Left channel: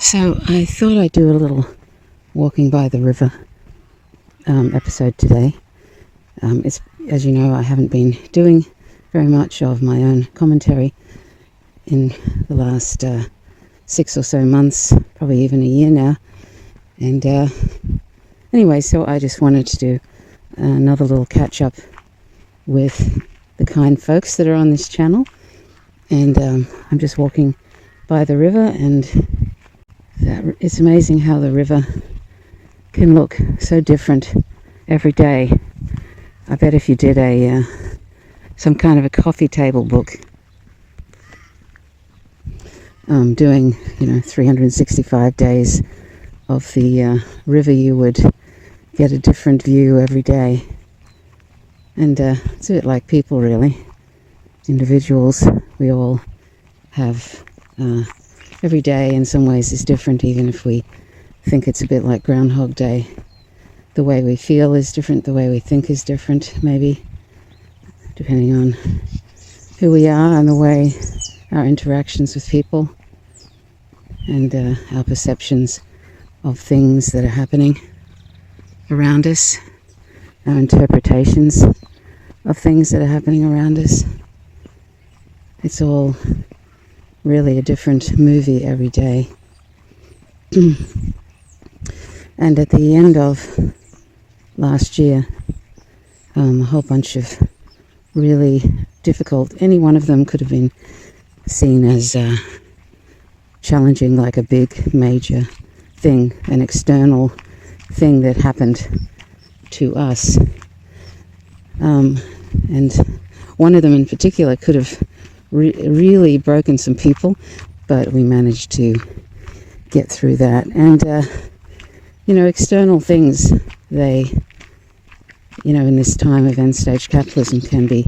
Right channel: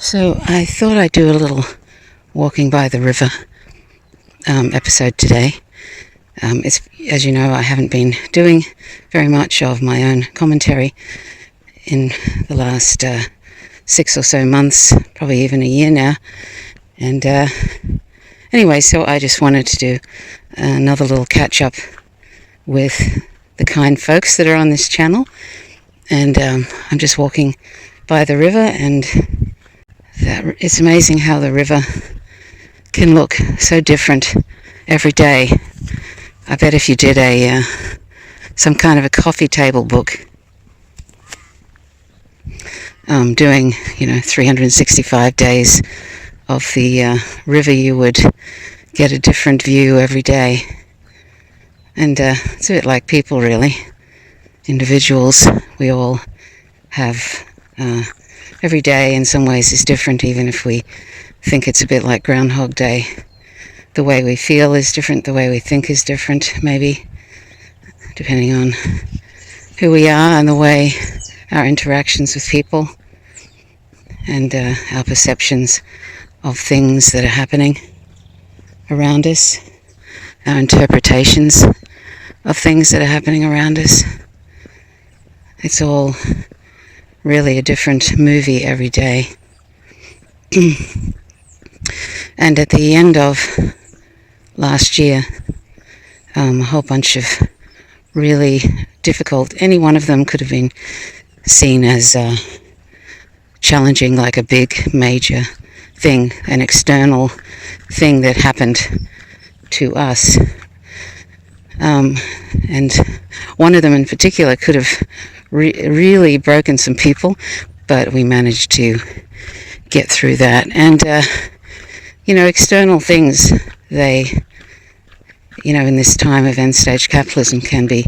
So I thought I'd do a little walking by the river episode today. It's, as you know, I haven't been doing very much of my own commentary in the last 6 or so months, probably even a year now. And anyway, so I just wanted to do another little catch up with the kind folks that are on this channel. And I'm just walking by the river, and it's amazing how the river can look so different every day. I bet if you did some kind of a coffee table book, doing 365 days of the river, you would get a different view every day. And it's a bit like people, really. Individuals, we all have every day in some ways is different, even if we think it's a bit like Groundhog Day. The way we feel is different, the way we think is different, maybe, depending on who we are and the way our interactions with people and our perceptions of things that are happening around us, our interpretations of things that are happening around us. It's all really a different movie every day. And at the end of last year, a whole bunch of really difficult, any one of them could have been seen as challenging, like a big major thing, an external thing that happened to us. And one of them in particular could have really broken some people, but we managed to get through that. And external things, they, in this time of end-stage capitalism, can be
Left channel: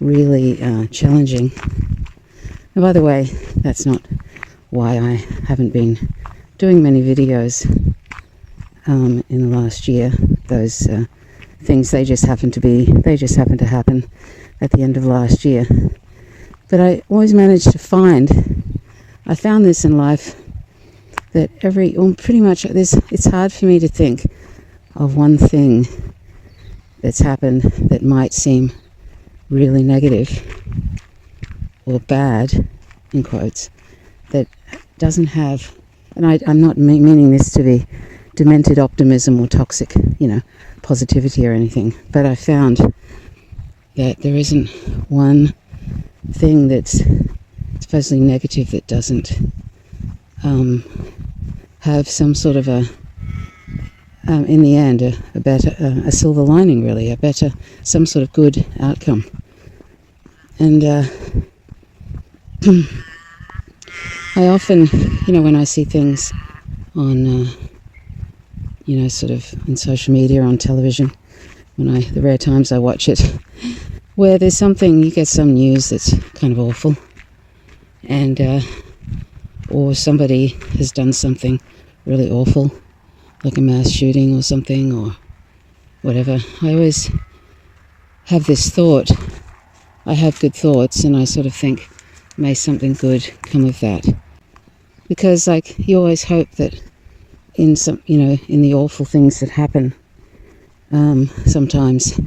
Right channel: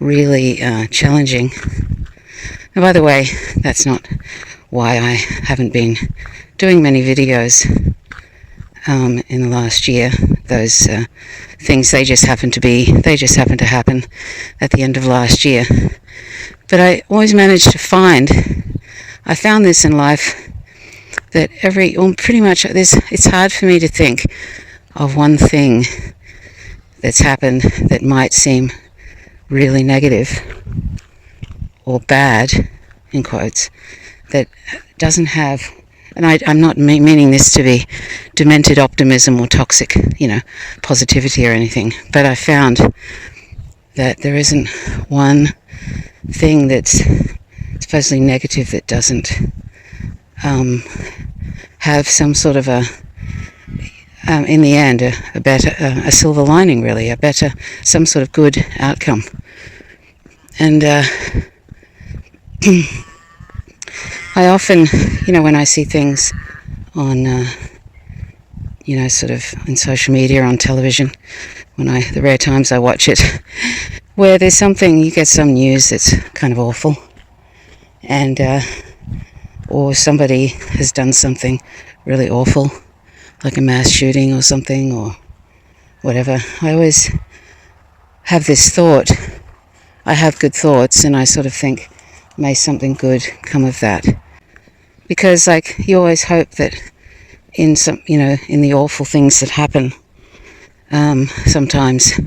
really challenging. And by the way, that's not why I haven't been doing many videos in the last year. Those things, they just happened to happen at the end of last year. But I always managed to I found this in life, that pretty much it's hard for me to think of one thing that's happened that might seem really negative or bad, in quotes, that doesn't have, and I'm not meaning this to be demented optimism or toxic, positivity or anything, but I found that there isn't one thing that's supposedly negative that doesn't have some sort of in the end, a better, a silver lining, really, some sort of good outcome. And I often, when I see things on, sort of in social media or on television, the rare times I watch it, where there's something, you get some news that's kind of awful, and or somebody has done something really awful, like a mass shooting or something, or whatever. I always have this thought, I have good thoughts, and I sort of think, may something good come of that. Because, you always hope that in in the awful things that happen, sometimes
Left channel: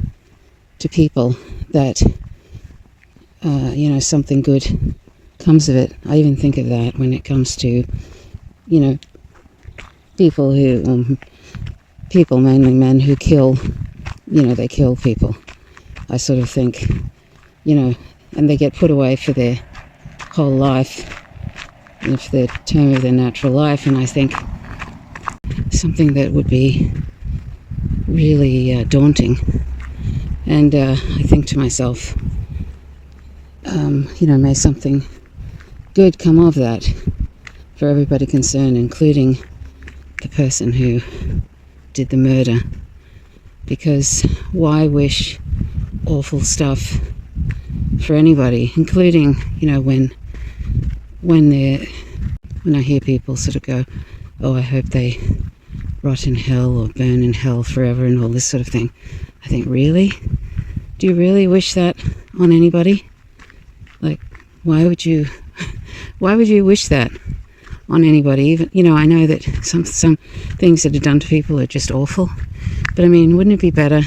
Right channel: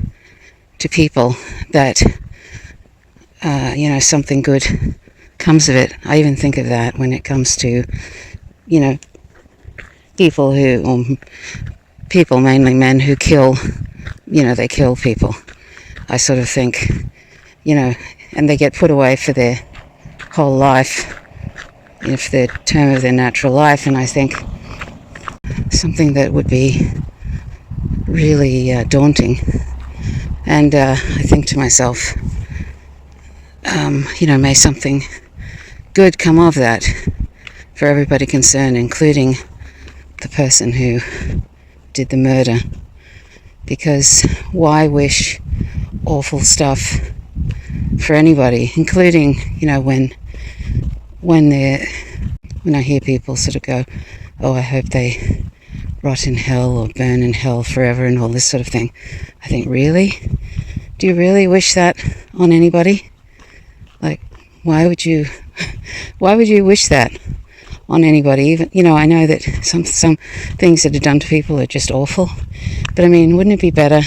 to people, that, something good comes of it. I even think of that when it comes to, people mainly men who kill, they kill people. I sort of think, and they get put away for their whole life, for the term of their natural life, and I think something that would be really daunting. And I think to myself, may something good come of that for everybody concerned, including the person who did the murder. Because why wish awful stuff for anybody, including, when I hear people sort of go, oh, I hope they rot in hell or burn in hell forever and all this sort of thing. I think, really? Do you really wish that on anybody? Why would you wish that? on anybody. Even, I know that some things that are done to people are just awful, but I mean, wouldn't it be better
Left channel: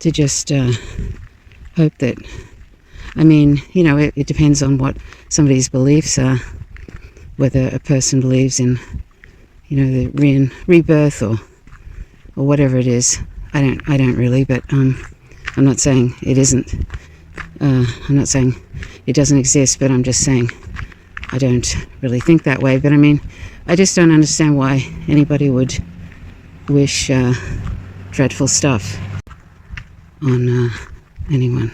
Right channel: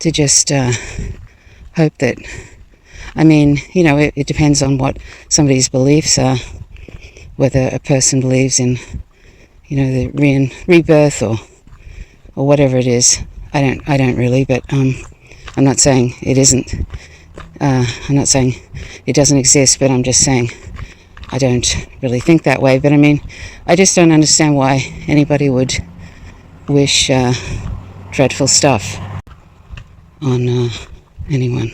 to just hope that, it depends on what somebody's beliefs are, whether a person believes in, the rebirth or whatever it is. I don't really, but I'm not saying it isn't. I'm not saying it doesn't exist, but I'm just saying I don't really think that way. But I mean, I just don't understand why anybody would wish dreadful stuff on anyone.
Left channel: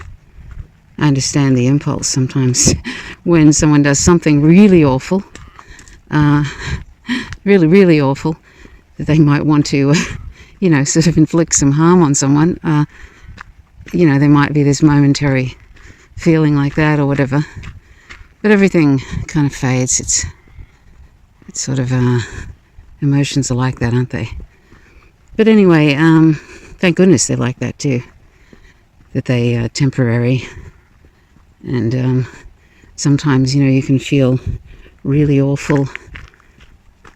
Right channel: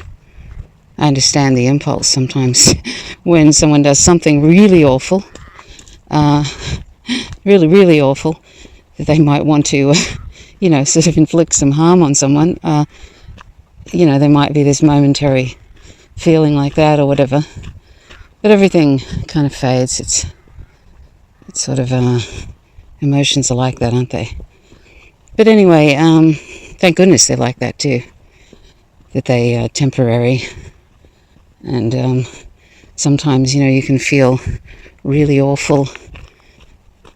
I understand the impulse sometimes when someone does something really awful, really, really awful, that they might want to, sort of inflict some harm on someone. There might be this momentary feeling like that or whatever, but everything kind of fades. It's sort of, emotions are like that, aren't they? But anyway, thank goodness they're like that too, that they are temporary. And sometimes, you can feel really awful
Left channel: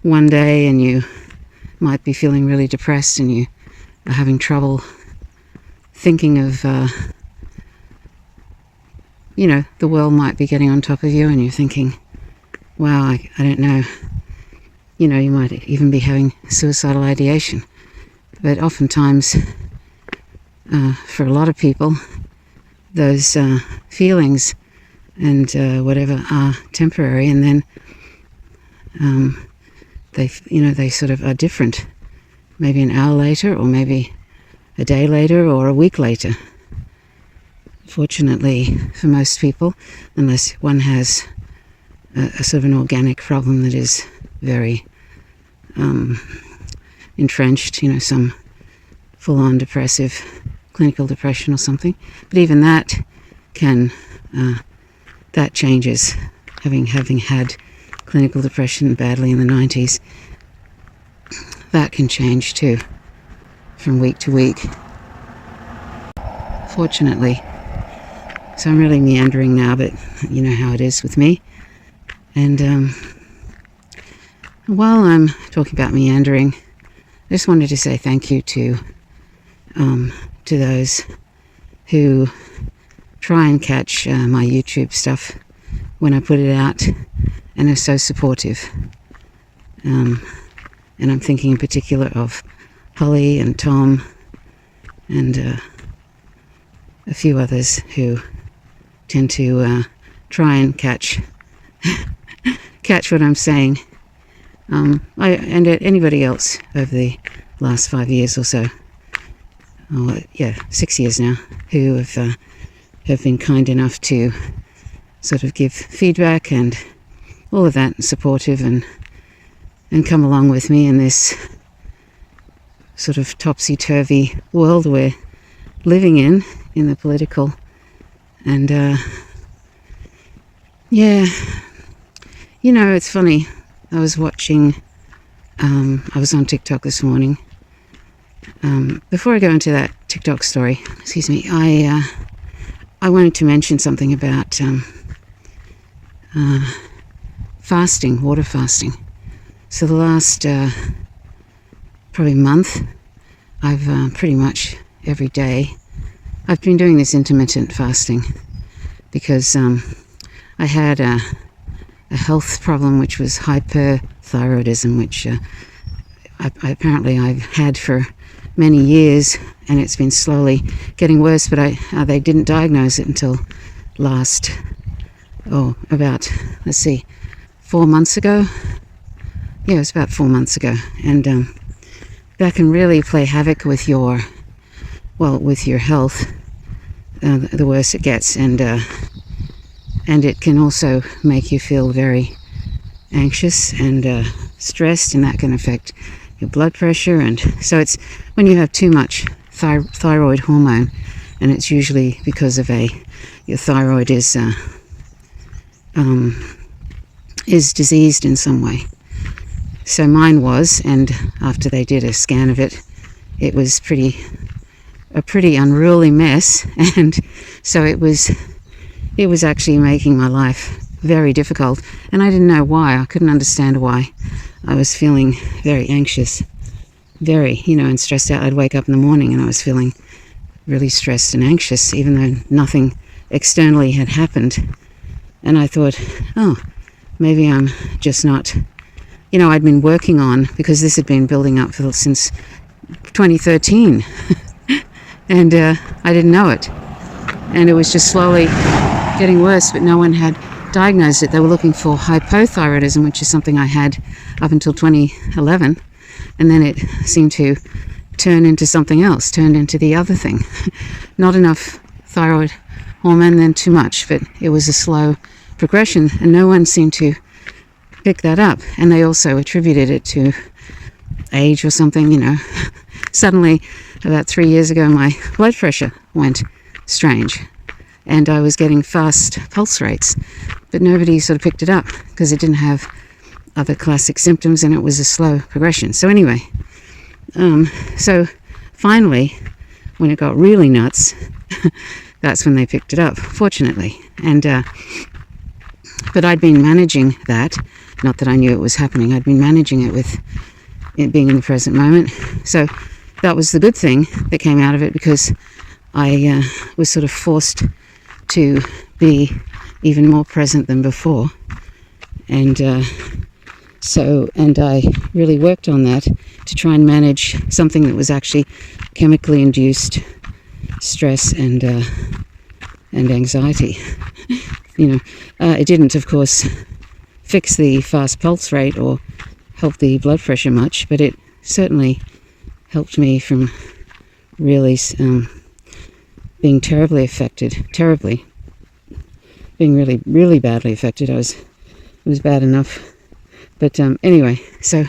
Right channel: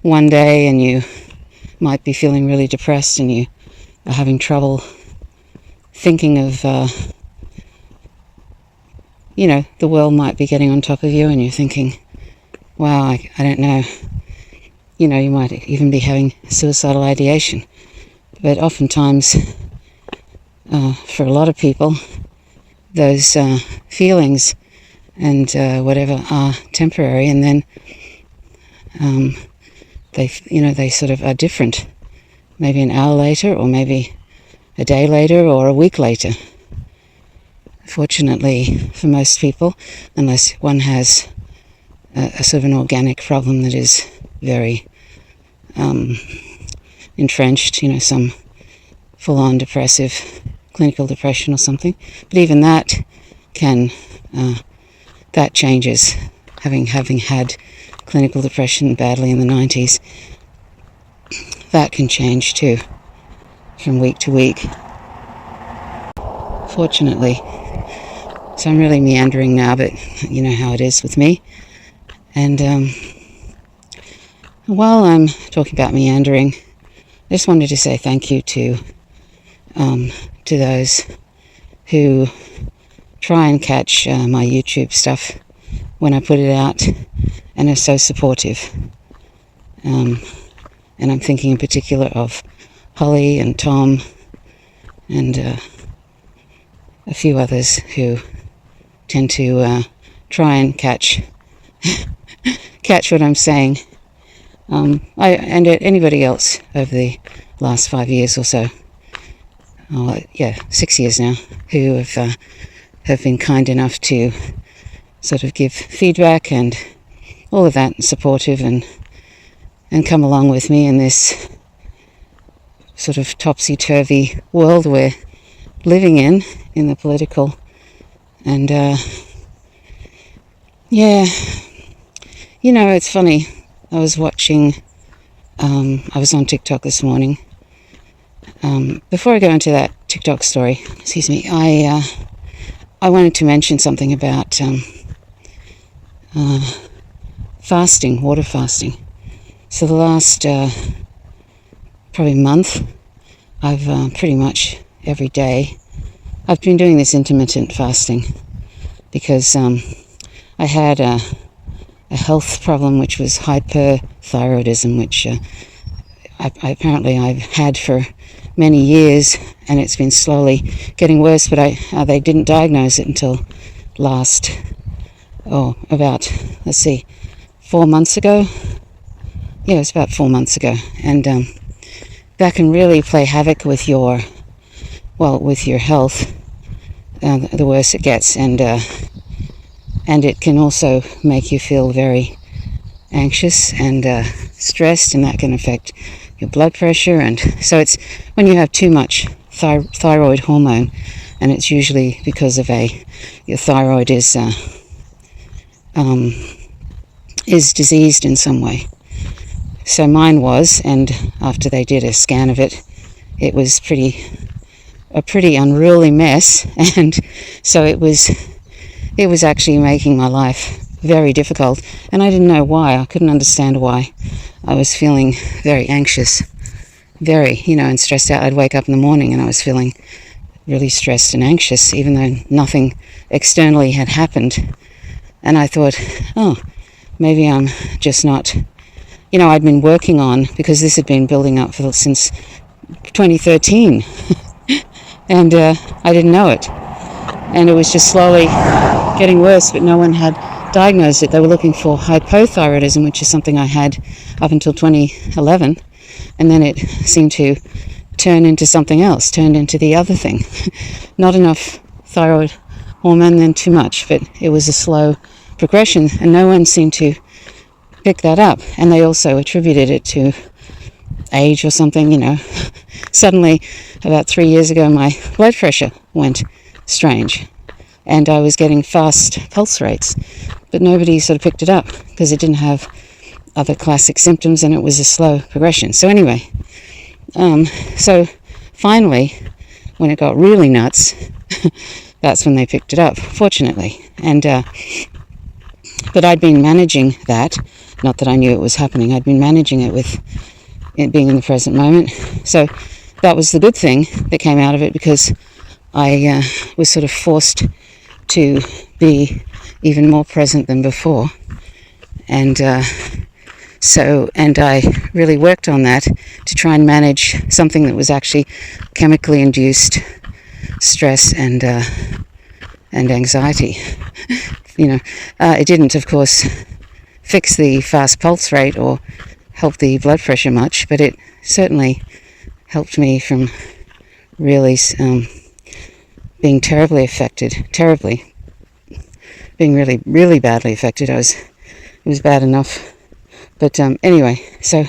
one day and you might be feeling really depressed and you are having trouble thinking of, the world might be getting on top of you and you're thinking, wow, I don't know. You might even be having suicidal ideation. But oftentimes, for a lot of people, those feelings and whatever are temporary, and then they sort of are different. Maybe an hour later, or maybe a day later, or a week later. Fortunately, for most people, unless one has a sort of an organic problem that is very entrenched, some full-on depressive, clinical depression or something. But even that can, that changes. Having had clinical depression badly in the 90s, that can change too, from week to week. Fortunately. So I'm really meandering now, but you know how it is with me. And while I'm talking about meandering, I just wanted to say thank you to those who try and catch my YouTube stuff when I put it out and are so supportive. And I'm thinking in particular of Holly and Tom and a few others who tend to try and catch what I'm saying. And anybody else over the last 5 years or so, 6 years now, who have been kind enough to sort of give feedback and all of that, and supportive and come along with me in this sort of topsy-turvy world we're living in the political. And it's funny. I was watching, I was on TikTok this morning. Before I go into that TikTok story, I wanted to mention something about fasting, water fasting. So the last probably month, I've pretty much every day, I've been doing this intermittent fasting because I had a health problem, which was hyperthyroidism, which apparently I've had for many years, and it's been slowly getting worse, but they didn't diagnose it until about 4 months ago. Yeah, it was about 4 months ago. And that can really play havoc with your health, the worse it gets, and it can also make you feel very anxious and stressed, and that can affect your blood pressure. And so it's when you have too much thyroid hormone, and it's usually because of your thyroid is diseased in some way. So mine was, and after they did a scan of it, it was a pretty unruly mess, and so it was actually making my life very difficult, and I didn't know why. I couldn't understand why I was feeling very anxious, very, and stressed out. I'd wake up in the morning and I was feeling really stressed and anxious, even though nothing externally had happened. And I thought, oh, maybe I'm just not, I'd been working on, because this had been building up since 2013, and I didn't know it. And it was just slowly getting worse, but no one had diagnosed it. They were looking for hypothyroidism, which is something I had up until 2011, and then it seemed to turn into something else, turned into the other thing. Not enough thyroid hormone, then too much, but it was a slow progression, and no one seemed to pick that up. And they also attributed it to age or something, Suddenly, about 3 years ago, my blood pressure went strange, and I was getting fast pulse rates, but nobody sort of picked it up because it didn't have other classic symptoms, and it was a slow progression. So anyway, so finally, when it got really nuts, that's when they picked it up, fortunately. And but I'd been managing that, not that I knew it was happening. I'd been managing it with it being in the present moment. So that was the good thing that came out of it, because I was sort of forced to be even more present than before. And and I really worked on that to try and manage something that was actually chemically induced stress and anxiety. It didn't, of course, fix the fast pulse rate or help the blood pressure much, but it certainly helped me from really being terribly affected, being really, really badly affected. It was bad enough. But anyway, so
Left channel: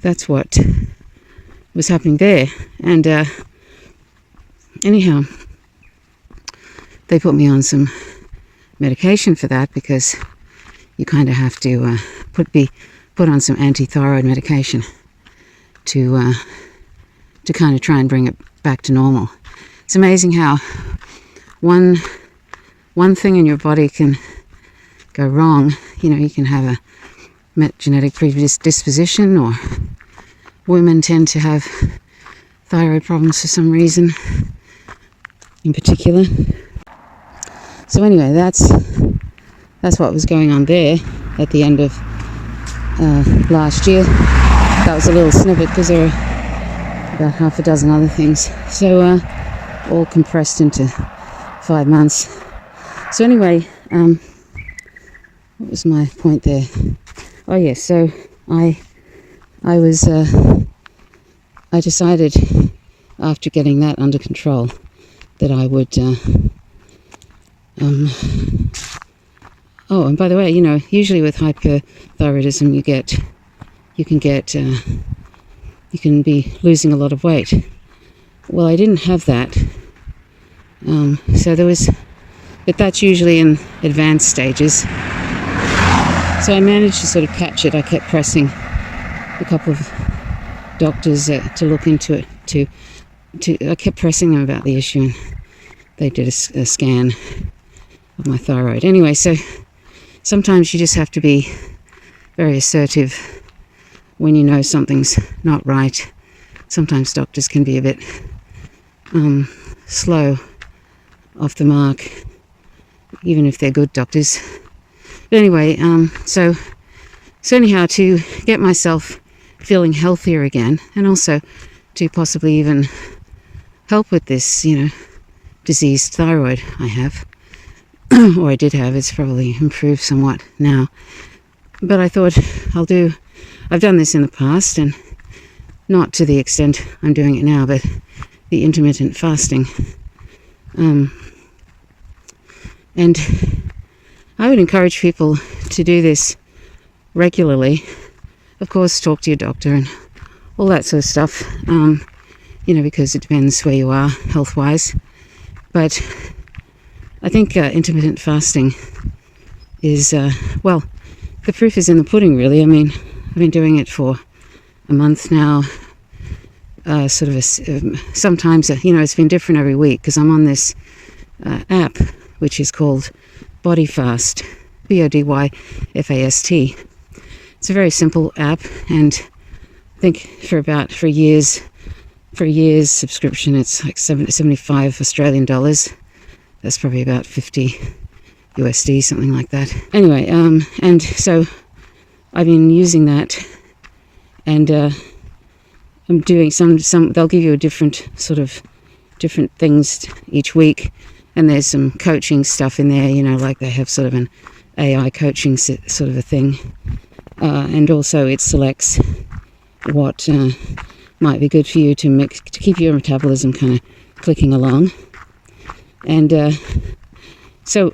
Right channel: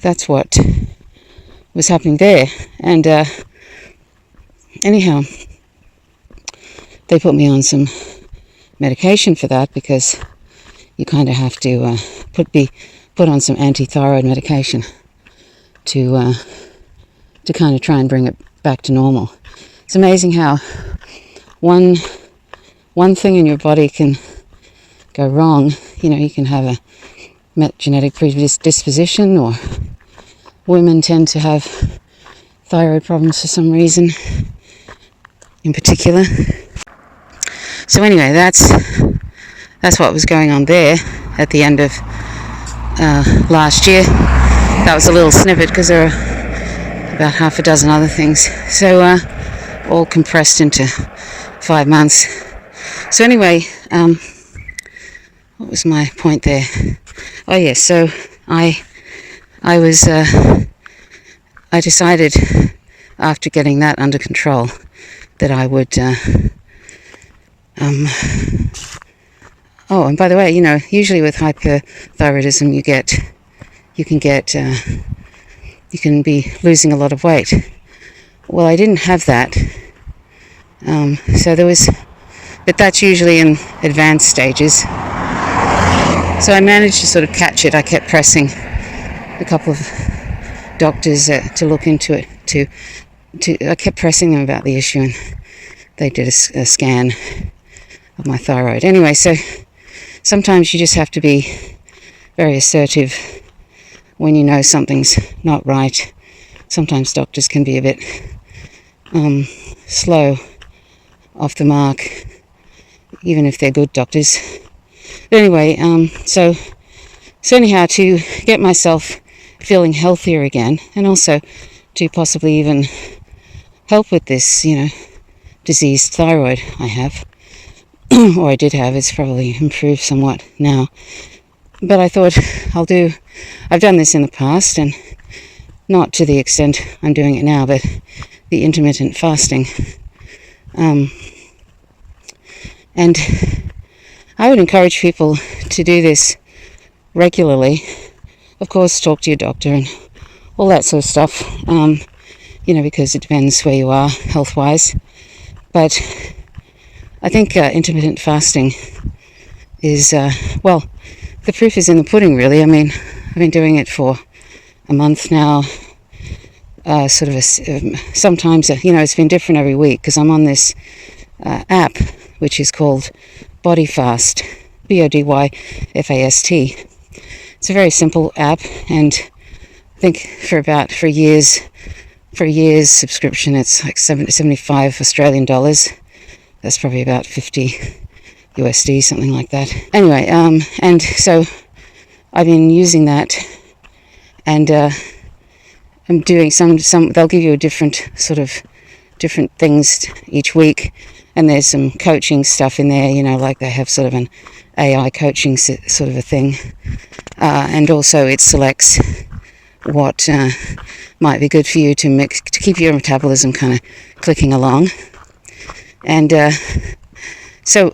that's what was happening there. And anyhow, they put me on some medication for that, because you kind of have to be put on some anti-thyroid medication to kind of try and bring it back to normal. It's amazing how one thing in your body can go wrong. You can have a genetic predisposition, or women tend to have thyroid problems for some reason in particular. So anyway, that's what was going on there at the end of last year. That was a little snippet, because there are about half a dozen other things. So all compressed into 5 months. So anyway, what was my point there? Oh yes, so I decided, after getting that under control, that I would oh, and by the way, usually with hyperthyroidism you can be losing a lot of weight. Well, I didn't have that, so there was, but that's usually in advanced stages. So I managed to sort of catch it. I kept pressing a couple of doctors to look into it. I kept pressing them about the issue, and they did a scan of my thyroid. Anyway, so sometimes you just have to be very assertive when you know something's not right. Sometimes doctors can be a bit slow off the mark, even if they're good doctors. But anyway, so anyhow, to get myself feeling healthier again, and also to possibly even help with this, diseased thyroid I have, or I did have. It's probably improved somewhat now. But I thought I've done this in the past, and not to the extent I'm doing it now, but the intermittent fasting. And I would encourage people to do this regularly. Of course, talk to your doctor and all that sort of stuff, because it depends where you are health-wise. But I think intermittent fasting is, the proof is in the pudding, really. I mean, I've been doing it for a month now. Sometimes, it's been different every week, because I'm on this app, which is called Body Fast. BODYFAST. It's a very simple app, and I think for a year's subscription, it's like 75 Australian dollars. That's probably about 50 USD, something like that. Anyway, and so I've been using that, and I'm doing some. They'll give you a different things each week, and there's some coaching stuff in there. Like they have sort of an AI coaching sort of a thing, and also it selects what might be good for you to keep your metabolism kind of clicking along. And so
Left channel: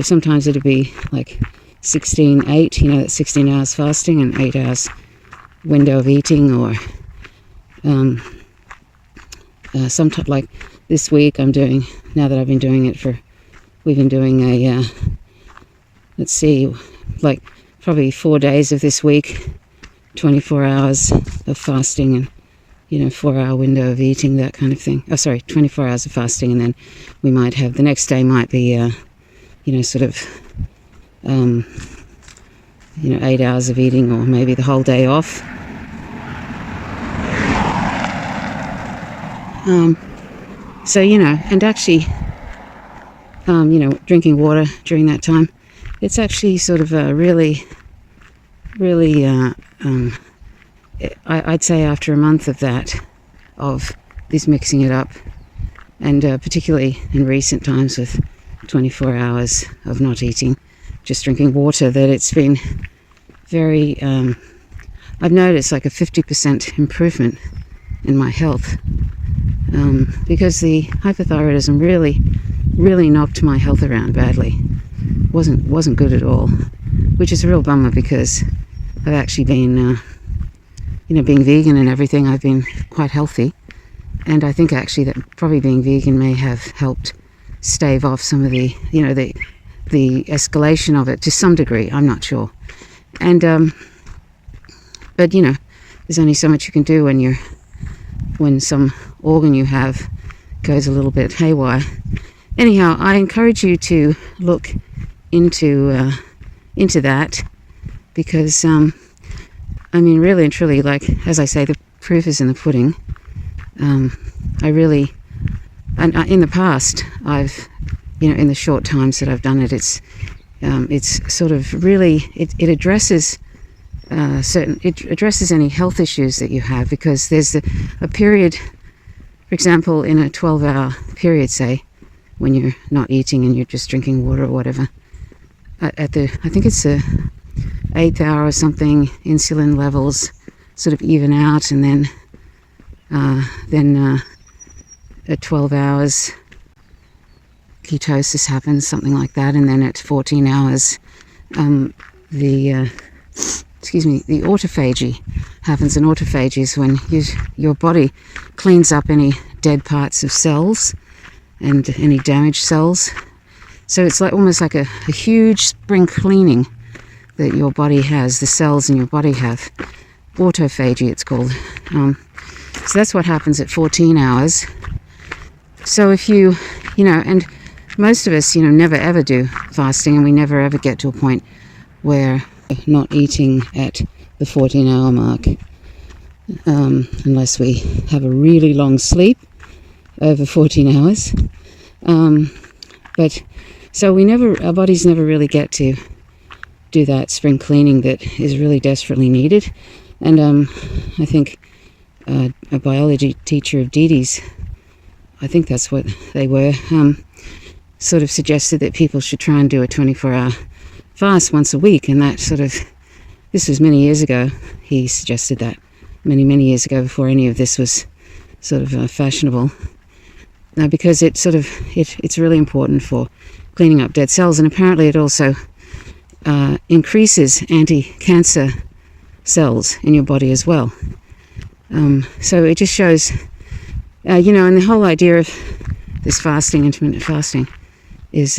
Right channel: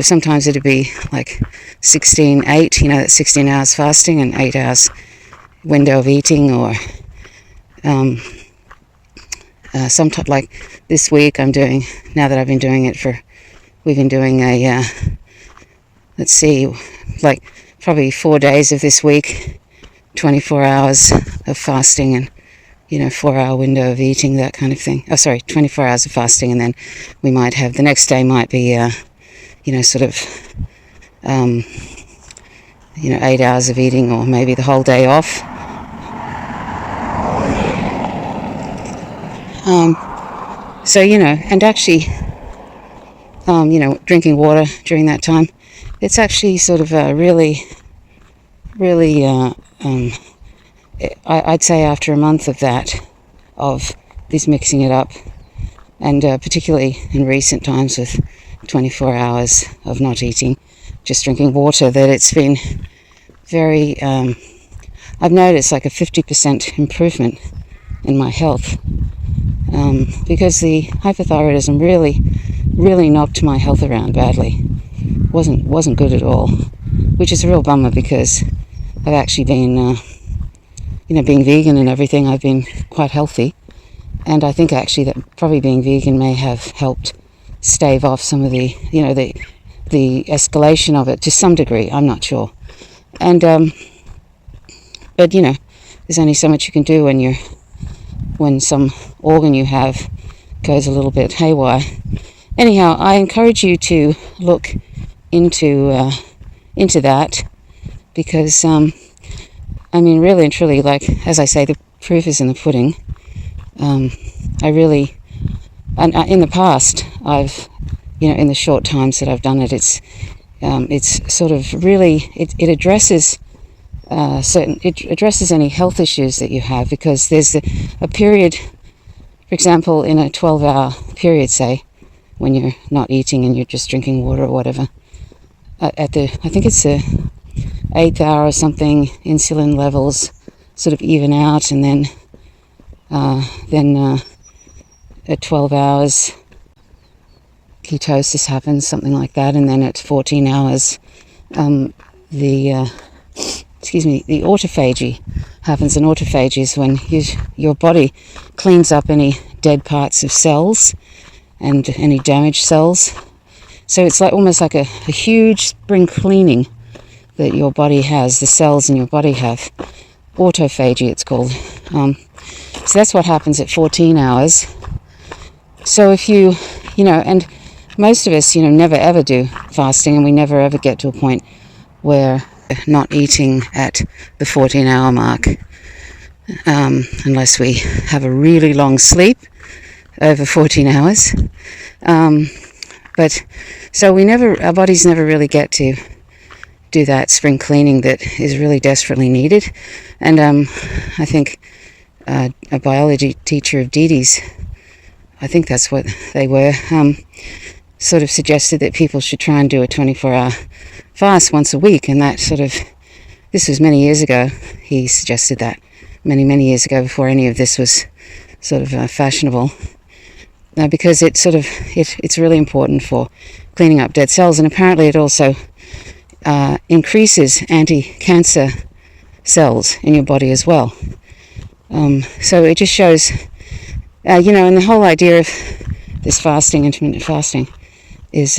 sometimes it'd be like 16-8, that's 16 hours fasting and 8 hours window of eating, or sometimes like this week I'm doing, now that I've been doing it we've been doing a let's see, like probably 4 days of this week, 24 hours of fasting and 4-hour window of eating, that kind of thing. 24 hours of fasting, and then we might have, the next day might be 8 hours of eating, or maybe the whole day off. And actually drinking water during that time, it's actually sort of really I'd say after a month of that, of this mixing it up, and particularly in recent times with 24 hours of not eating, just drinking water, that it's been very, I've noticed like a 50% improvement in my health, because the hypothyroidism really knocked my health around badly. Wasn't good at all, which is a real bummer, because I've actually been being vegan and everything, I've been quite healthy, and I think actually that probably being vegan may have helped stave off some of the the escalation of it to some degree. I'm not sure, and but there's only so much you can do when some organ you have goes a little bit haywire. Anyhow, I encourage you to look into that, because really and truly, like, as I say, the proof is in the pudding. In the past, I've, in the short times that I've done it, it's sort of really, it addresses any health issues that you have, because there's a period, for example, in a 12-hour period, say, when you're not eating and you're just drinking water or whatever, I think it's the 8th hour or something, insulin levels sort of even out, and then at 12 hours ketosis happens, something like that, and then at 14 hours the autophagy happens. And autophagy is when your body cleans up any dead parts of cells and any damaged cells. So it's like almost like a huge spring cleaning that your body has, the cells in your body have. Autophagy, it's called. So that's what happens at 14 hours. So if and most of us, never ever do fasting, and we never ever get to a point where not eating at the 14-hour mark, unless we have a really long sleep over 14 hours. But so our bodies never really get to do that spring cleaning that is really desperately needed. And I think a biology teacher of Dee Dee's, I think that's what they were, sort of suggested that people should try and do a 24-hour fast once a week. And that this was many years ago. He suggested that many years ago, before any of this was sort of fashionable, because it's really important for cleaning up dead cells, and apparently it also increases anti-cancer cells in your body as well. So it just shows, and the whole idea of this fasting, intermittent fasting, is,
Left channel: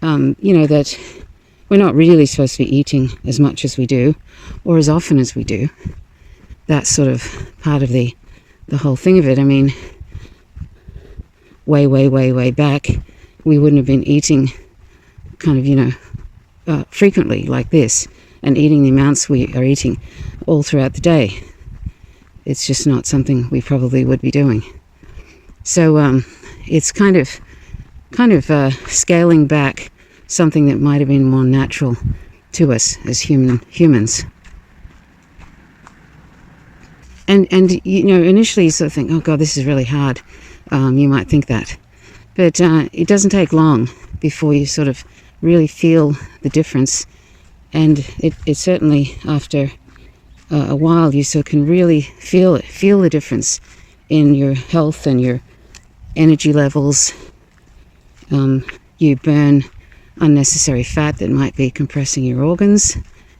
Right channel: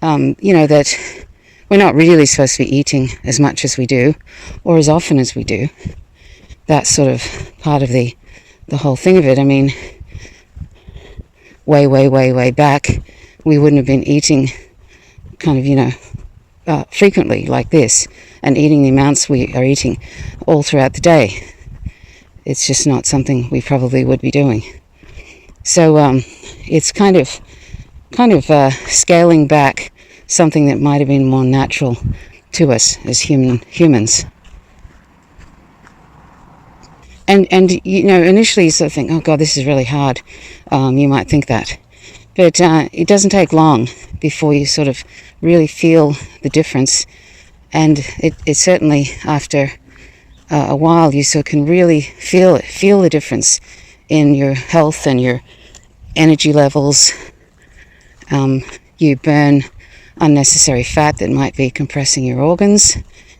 that we're not really supposed to be eating as much as we do, or as often as we do. That's sort of part of the whole thing of it. I mean, way back, we wouldn't have been eating kind of, frequently like this, and eating the amounts we are eating all throughout the day. It's just not something we probably would be doing. So it's kind of scaling back something that might have been more natural to us as humans. And initially you sort of think, oh God, this is really hard. You might think that. But it doesn't take long before you sort of really feel the difference. And it certainly, after a while, you sort of can really feel the difference in your health and your energy levels. You burn unnecessary fat that might be compressing your organs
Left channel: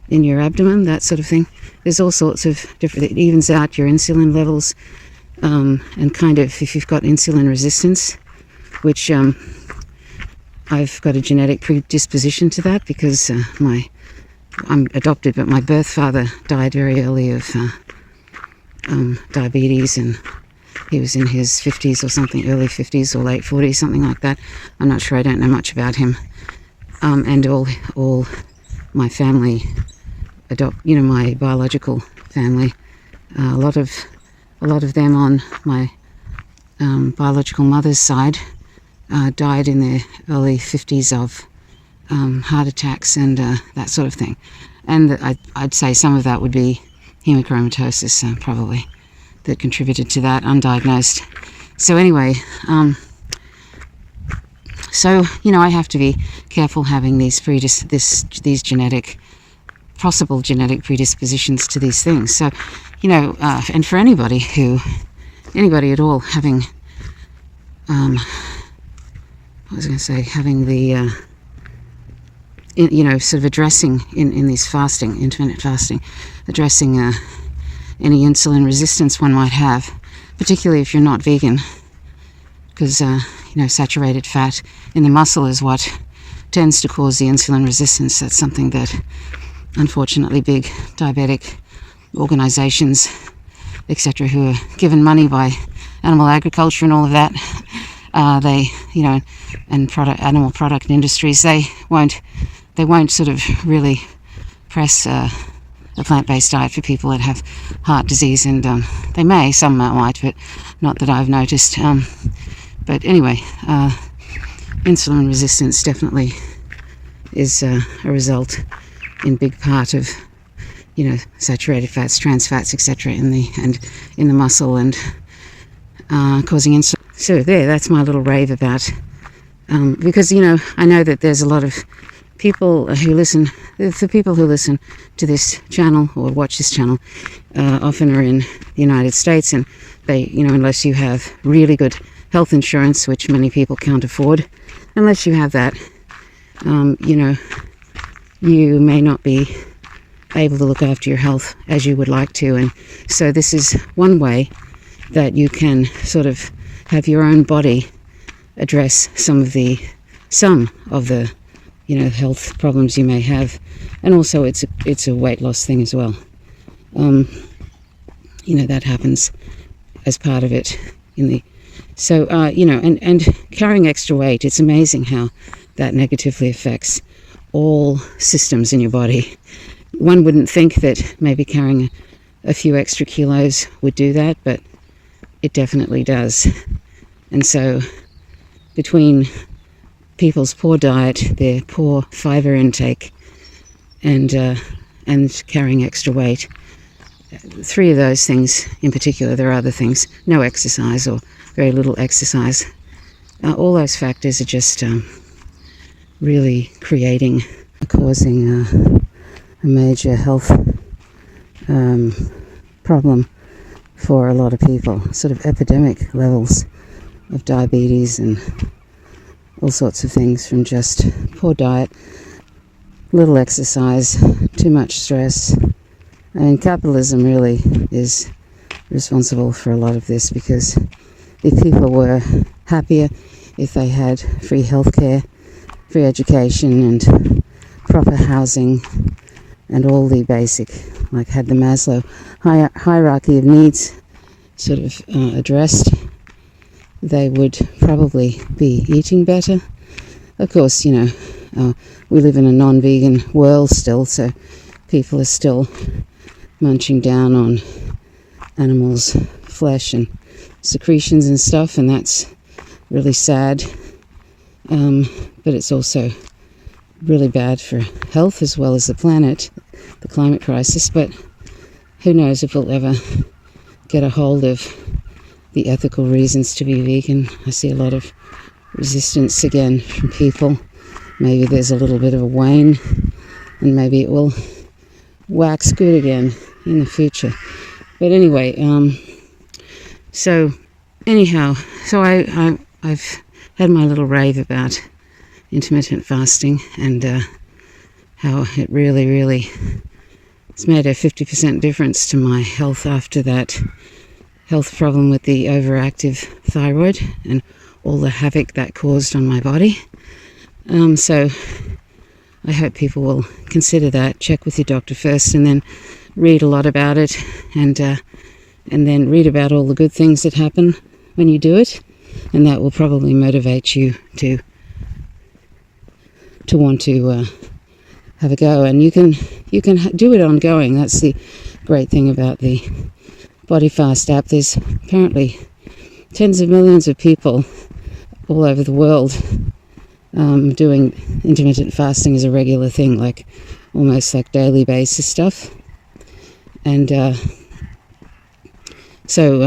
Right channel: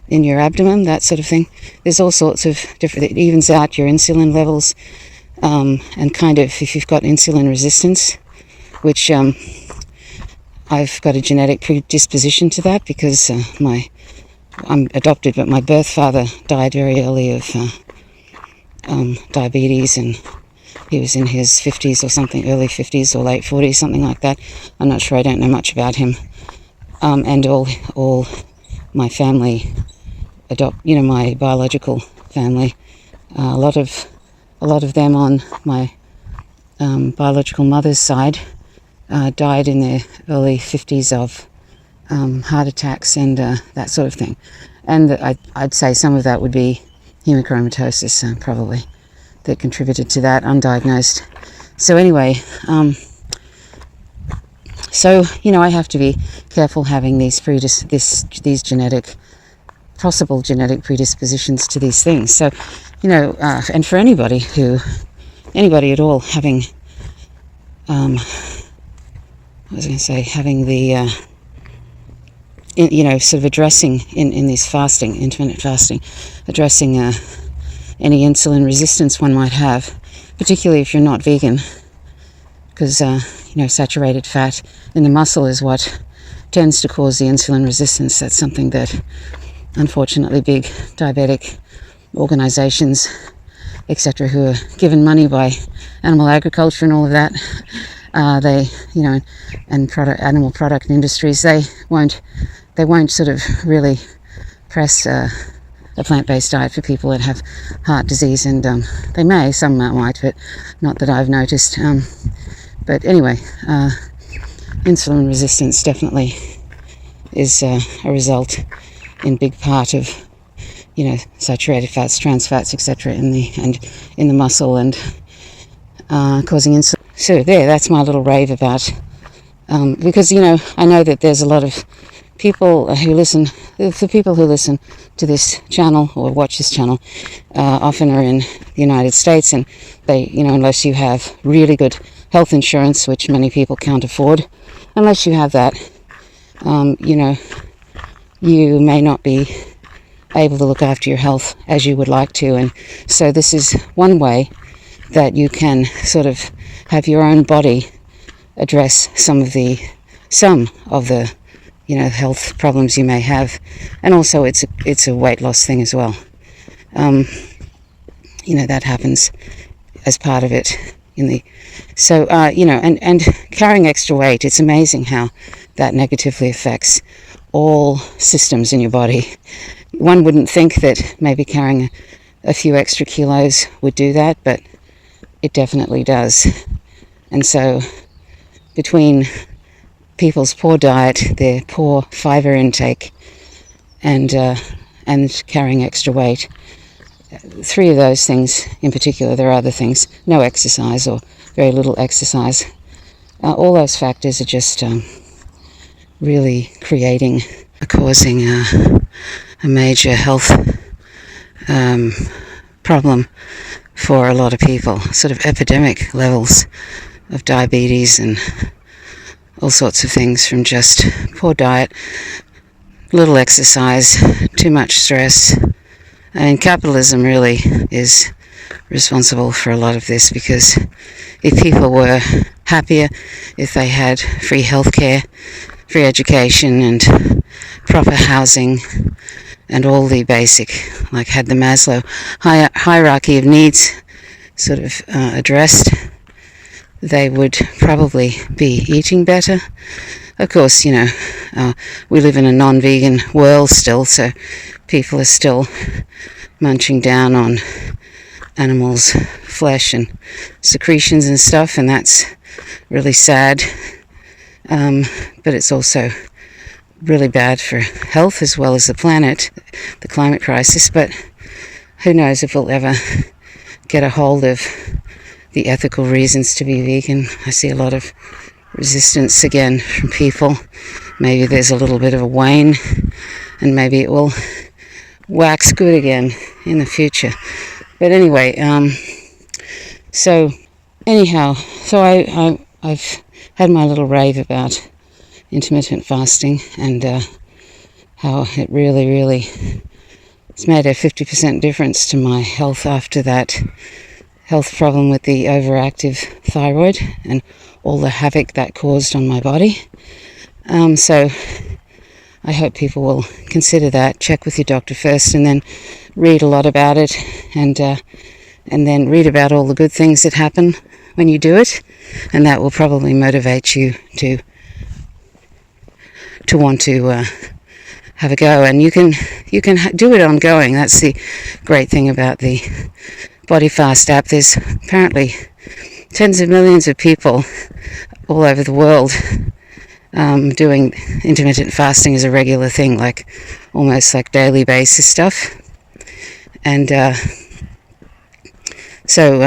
in your abdomen, that sort of thing. There's all sorts of different, it evens out your insulin levels, and kind of, if you've got insulin resistance, which I've got a genetic predisposition to that because I'm adopted, but my birth father died very early of diabetes, and he was in his 50s or something, early 50s or late 40s, something like that. I'm not sure, I don't know much about him. And all my family my biological family, a lot of them on my biological mother's side died in their early 50s of heart attacks and that sort of thing. And I'd say some of that would be hemochromatosis, probably, that contributed to that, undiagnosed. So anyway, I have to be careful having these possible genetic predispositions to these things. So, and for anybody at all having, having the, sort of addressing in these intermittent fasting, addressing any insulin resistance one might have, particularly if you're not vegan, because, saturated fat in the muscle is what tends to cause the insulin resistance. That's something that, unfortunately, big diabetic organizations, etc., who are given money by animal agriculture and all of that, animal product industries, they won't sort of really press a plant-based diet for people that have heart disease, and some might, but not that I've noticed. But anyway, insulin resistance definitely is a result in big part of, saturated fats, trans fats, etc., in the muscle, and causing insulin. So that's my little rave about, because I know that there's a lot of people who listen. The people who listen to this channel or watch this channel often are in the United States, and they, unless you have really good health insurance, which many people can't afford, unless you have that, you may not be able to look after your health as you would like to. And so this is one way that you can sort of have your own body address some of the health problems you may have. And also it's a weight loss thing as well. That happens as part of it and carrying extra weight, it's amazing how that negatively affects all systems in your body. One wouldn't think that maybe carrying a few extra kilos would do that, but it definitely does. And so between people's poor diet, their poor fiber intake, and carrying extra weight, three of those things in particular, there are other things, no exercise or very little exercise, all those factors are just really causing a major health problem for a lot of people, sort of epidemic levels of diabetes and all sorts of things from just poor diet, little exercise, too much stress. I mean, capitalism really is responsible for a lot of this, because if people were happier, if they had free healthcare, free education and proper housing and all the basic, like had the Maslow hierarchy of needs sort of addressed, they would probably be eating better, of course, we live in a non-vegan world still, so people are still munching down on animals' flesh and secretions and stuff, and that's really sad. But it's also really bad for health as well as the planet, the climate crisis. But who knows if we'll ever get a hold of the ethical reasons to be vegan. I see a lot of resistance again from people. Maybe there's a little bit of a wane, and maybe it will wax good again in the future. But anyway, so I've had my little rave about intermittent fasting and how it really it's made a 50% difference to my health after that health problem with the overactive thyroid and all the havoc that caused on my body. So I hope people will consider that. Check with your doctor first, and then read a lot about it, and then read about all the good things that happen when you do it, and that will probably motivate you to want to have a go. And you can do it ongoing. That's the great thing about the Body Fast app. There's apparently tens of millions of people all over the world doing intermittent fasting as a regular thing, like almost like daily basis stuff. And so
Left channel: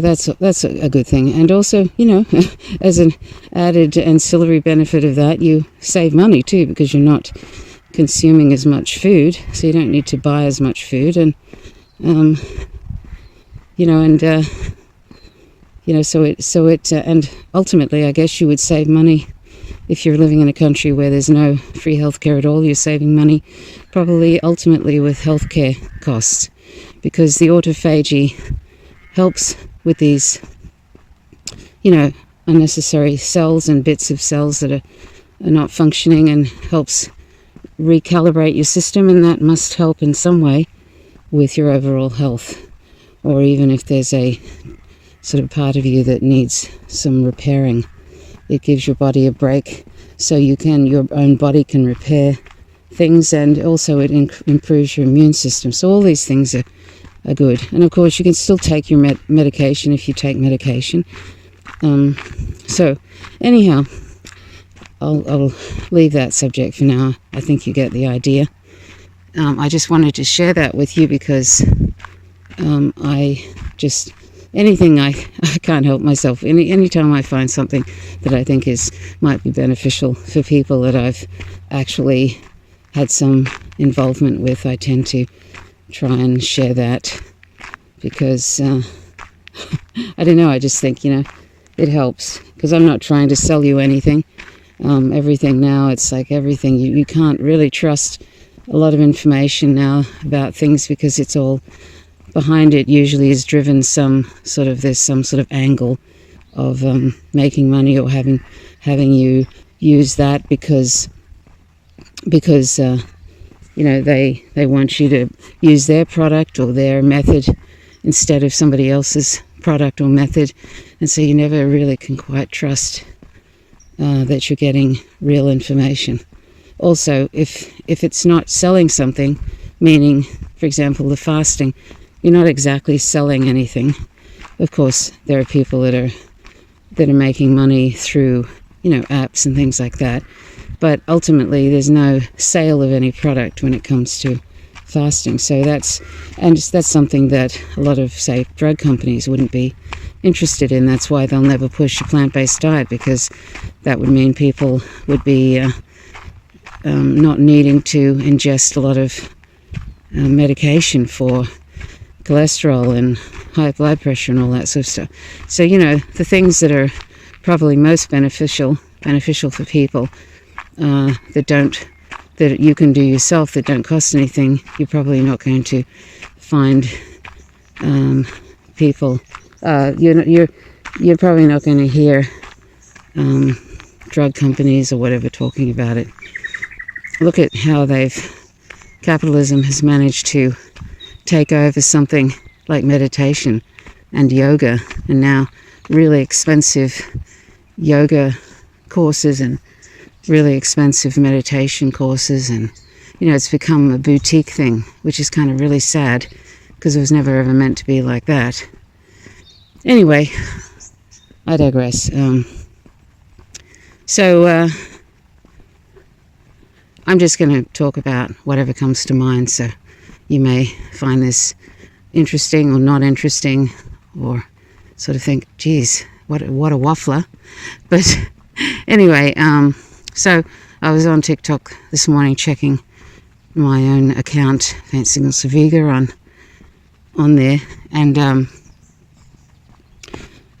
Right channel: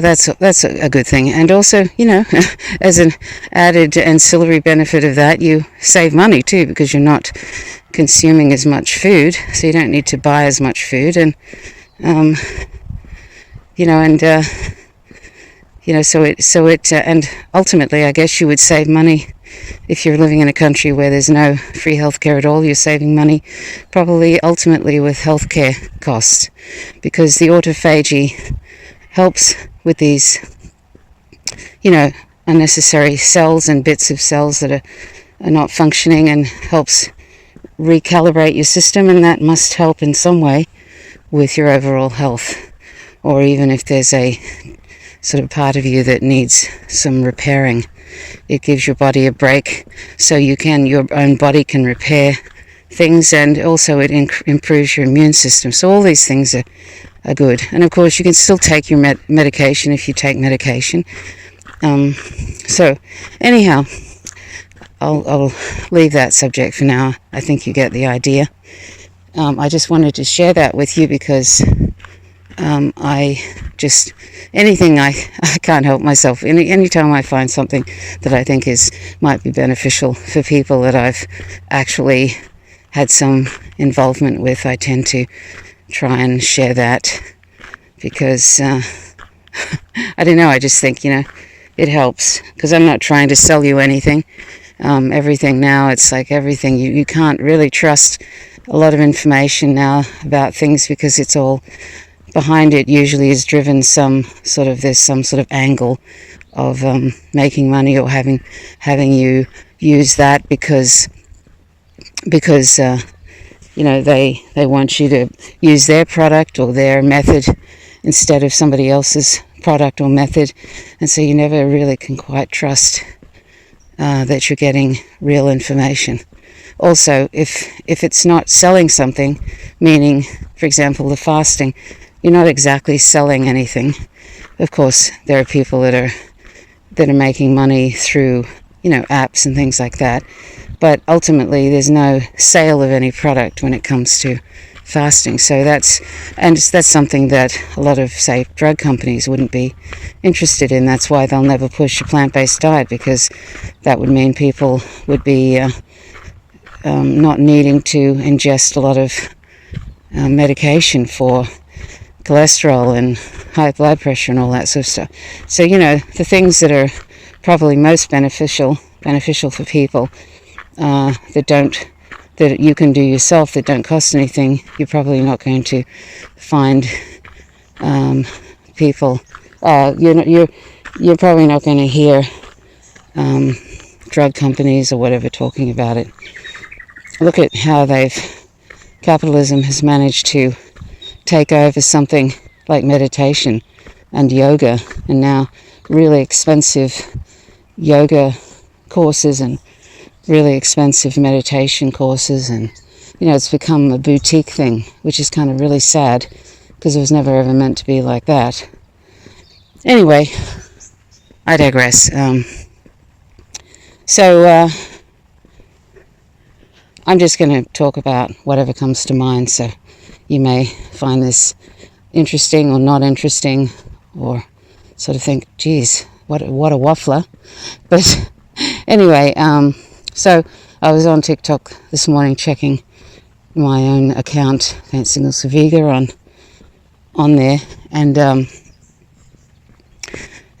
that's a good thing. And also, as an added ancillary benefit of that, you save money too, because you're not consuming as much food, so you don't need to buy as much food. And and ultimately, I guess you would save money if you're living in a country where there's no free healthcare at all. You're saving money probably ultimately with healthcare costs, because the autophagy helps with these, unnecessary cells and bits of cells that are not functioning, and helps recalibrate your system, and that must help in some way with your overall health. Or even if there's a sort of part of you that needs some repairing, it gives your body a break, so your own body can repair things, and also it improves your immune system. So all these things are good. And of course, you can still take your medication if you take medication. So anyhow, I'll leave that subject for now. I think you get the idea. I just wanted to share that with you because anything I can't help myself. Anytime I find something that I think might be beneficial for people that I've actually had some involvement with, I tend to try and share that, because I don't know, I just think, it helps, because I'm not trying to sell you anything. Everything now, it's like everything, you can't really trust a lot of information now about things, because it's all behind it usually is driven there's some sort of angle of making money, or having you use that because they want you to use their product or their method instead of somebody else's product or method, and so you never really can quite trust that you're getting real information. Also, if it's not selling something, meaning, for example, the fasting, you're not exactly selling anything. Of course, there are people that are making money through, apps and things like that. But ultimately, there's no sale of any product when it comes to fasting. So that's something that a lot of, say, drug companies wouldn't be interested in. That's why they'll never push a plant-based diet, because that would mean people would be not needing to ingest a lot of medication for cholesterol and high blood pressure and all that sort of stuff. So, the things that are probably most beneficial for people that you can do yourself, that don't cost anything, you're probably not going to find people. You're probably not going to hear drug companies or whatever talking about it. Look at how capitalism has managed to take over something like meditation and yoga, and now really expensive yoga courses and really expensive meditation courses, and it's become a boutique thing, which is kind of really sad because it was never ever meant to be like that. Anyway, I digress. So I'm just going to talk about whatever comes to mind, so you may find this interesting or not interesting, or sort of think, geez, what a waffler. But anyway, so I was on TikTok this morning checking my own account, Paint Signals for Vega, on there, and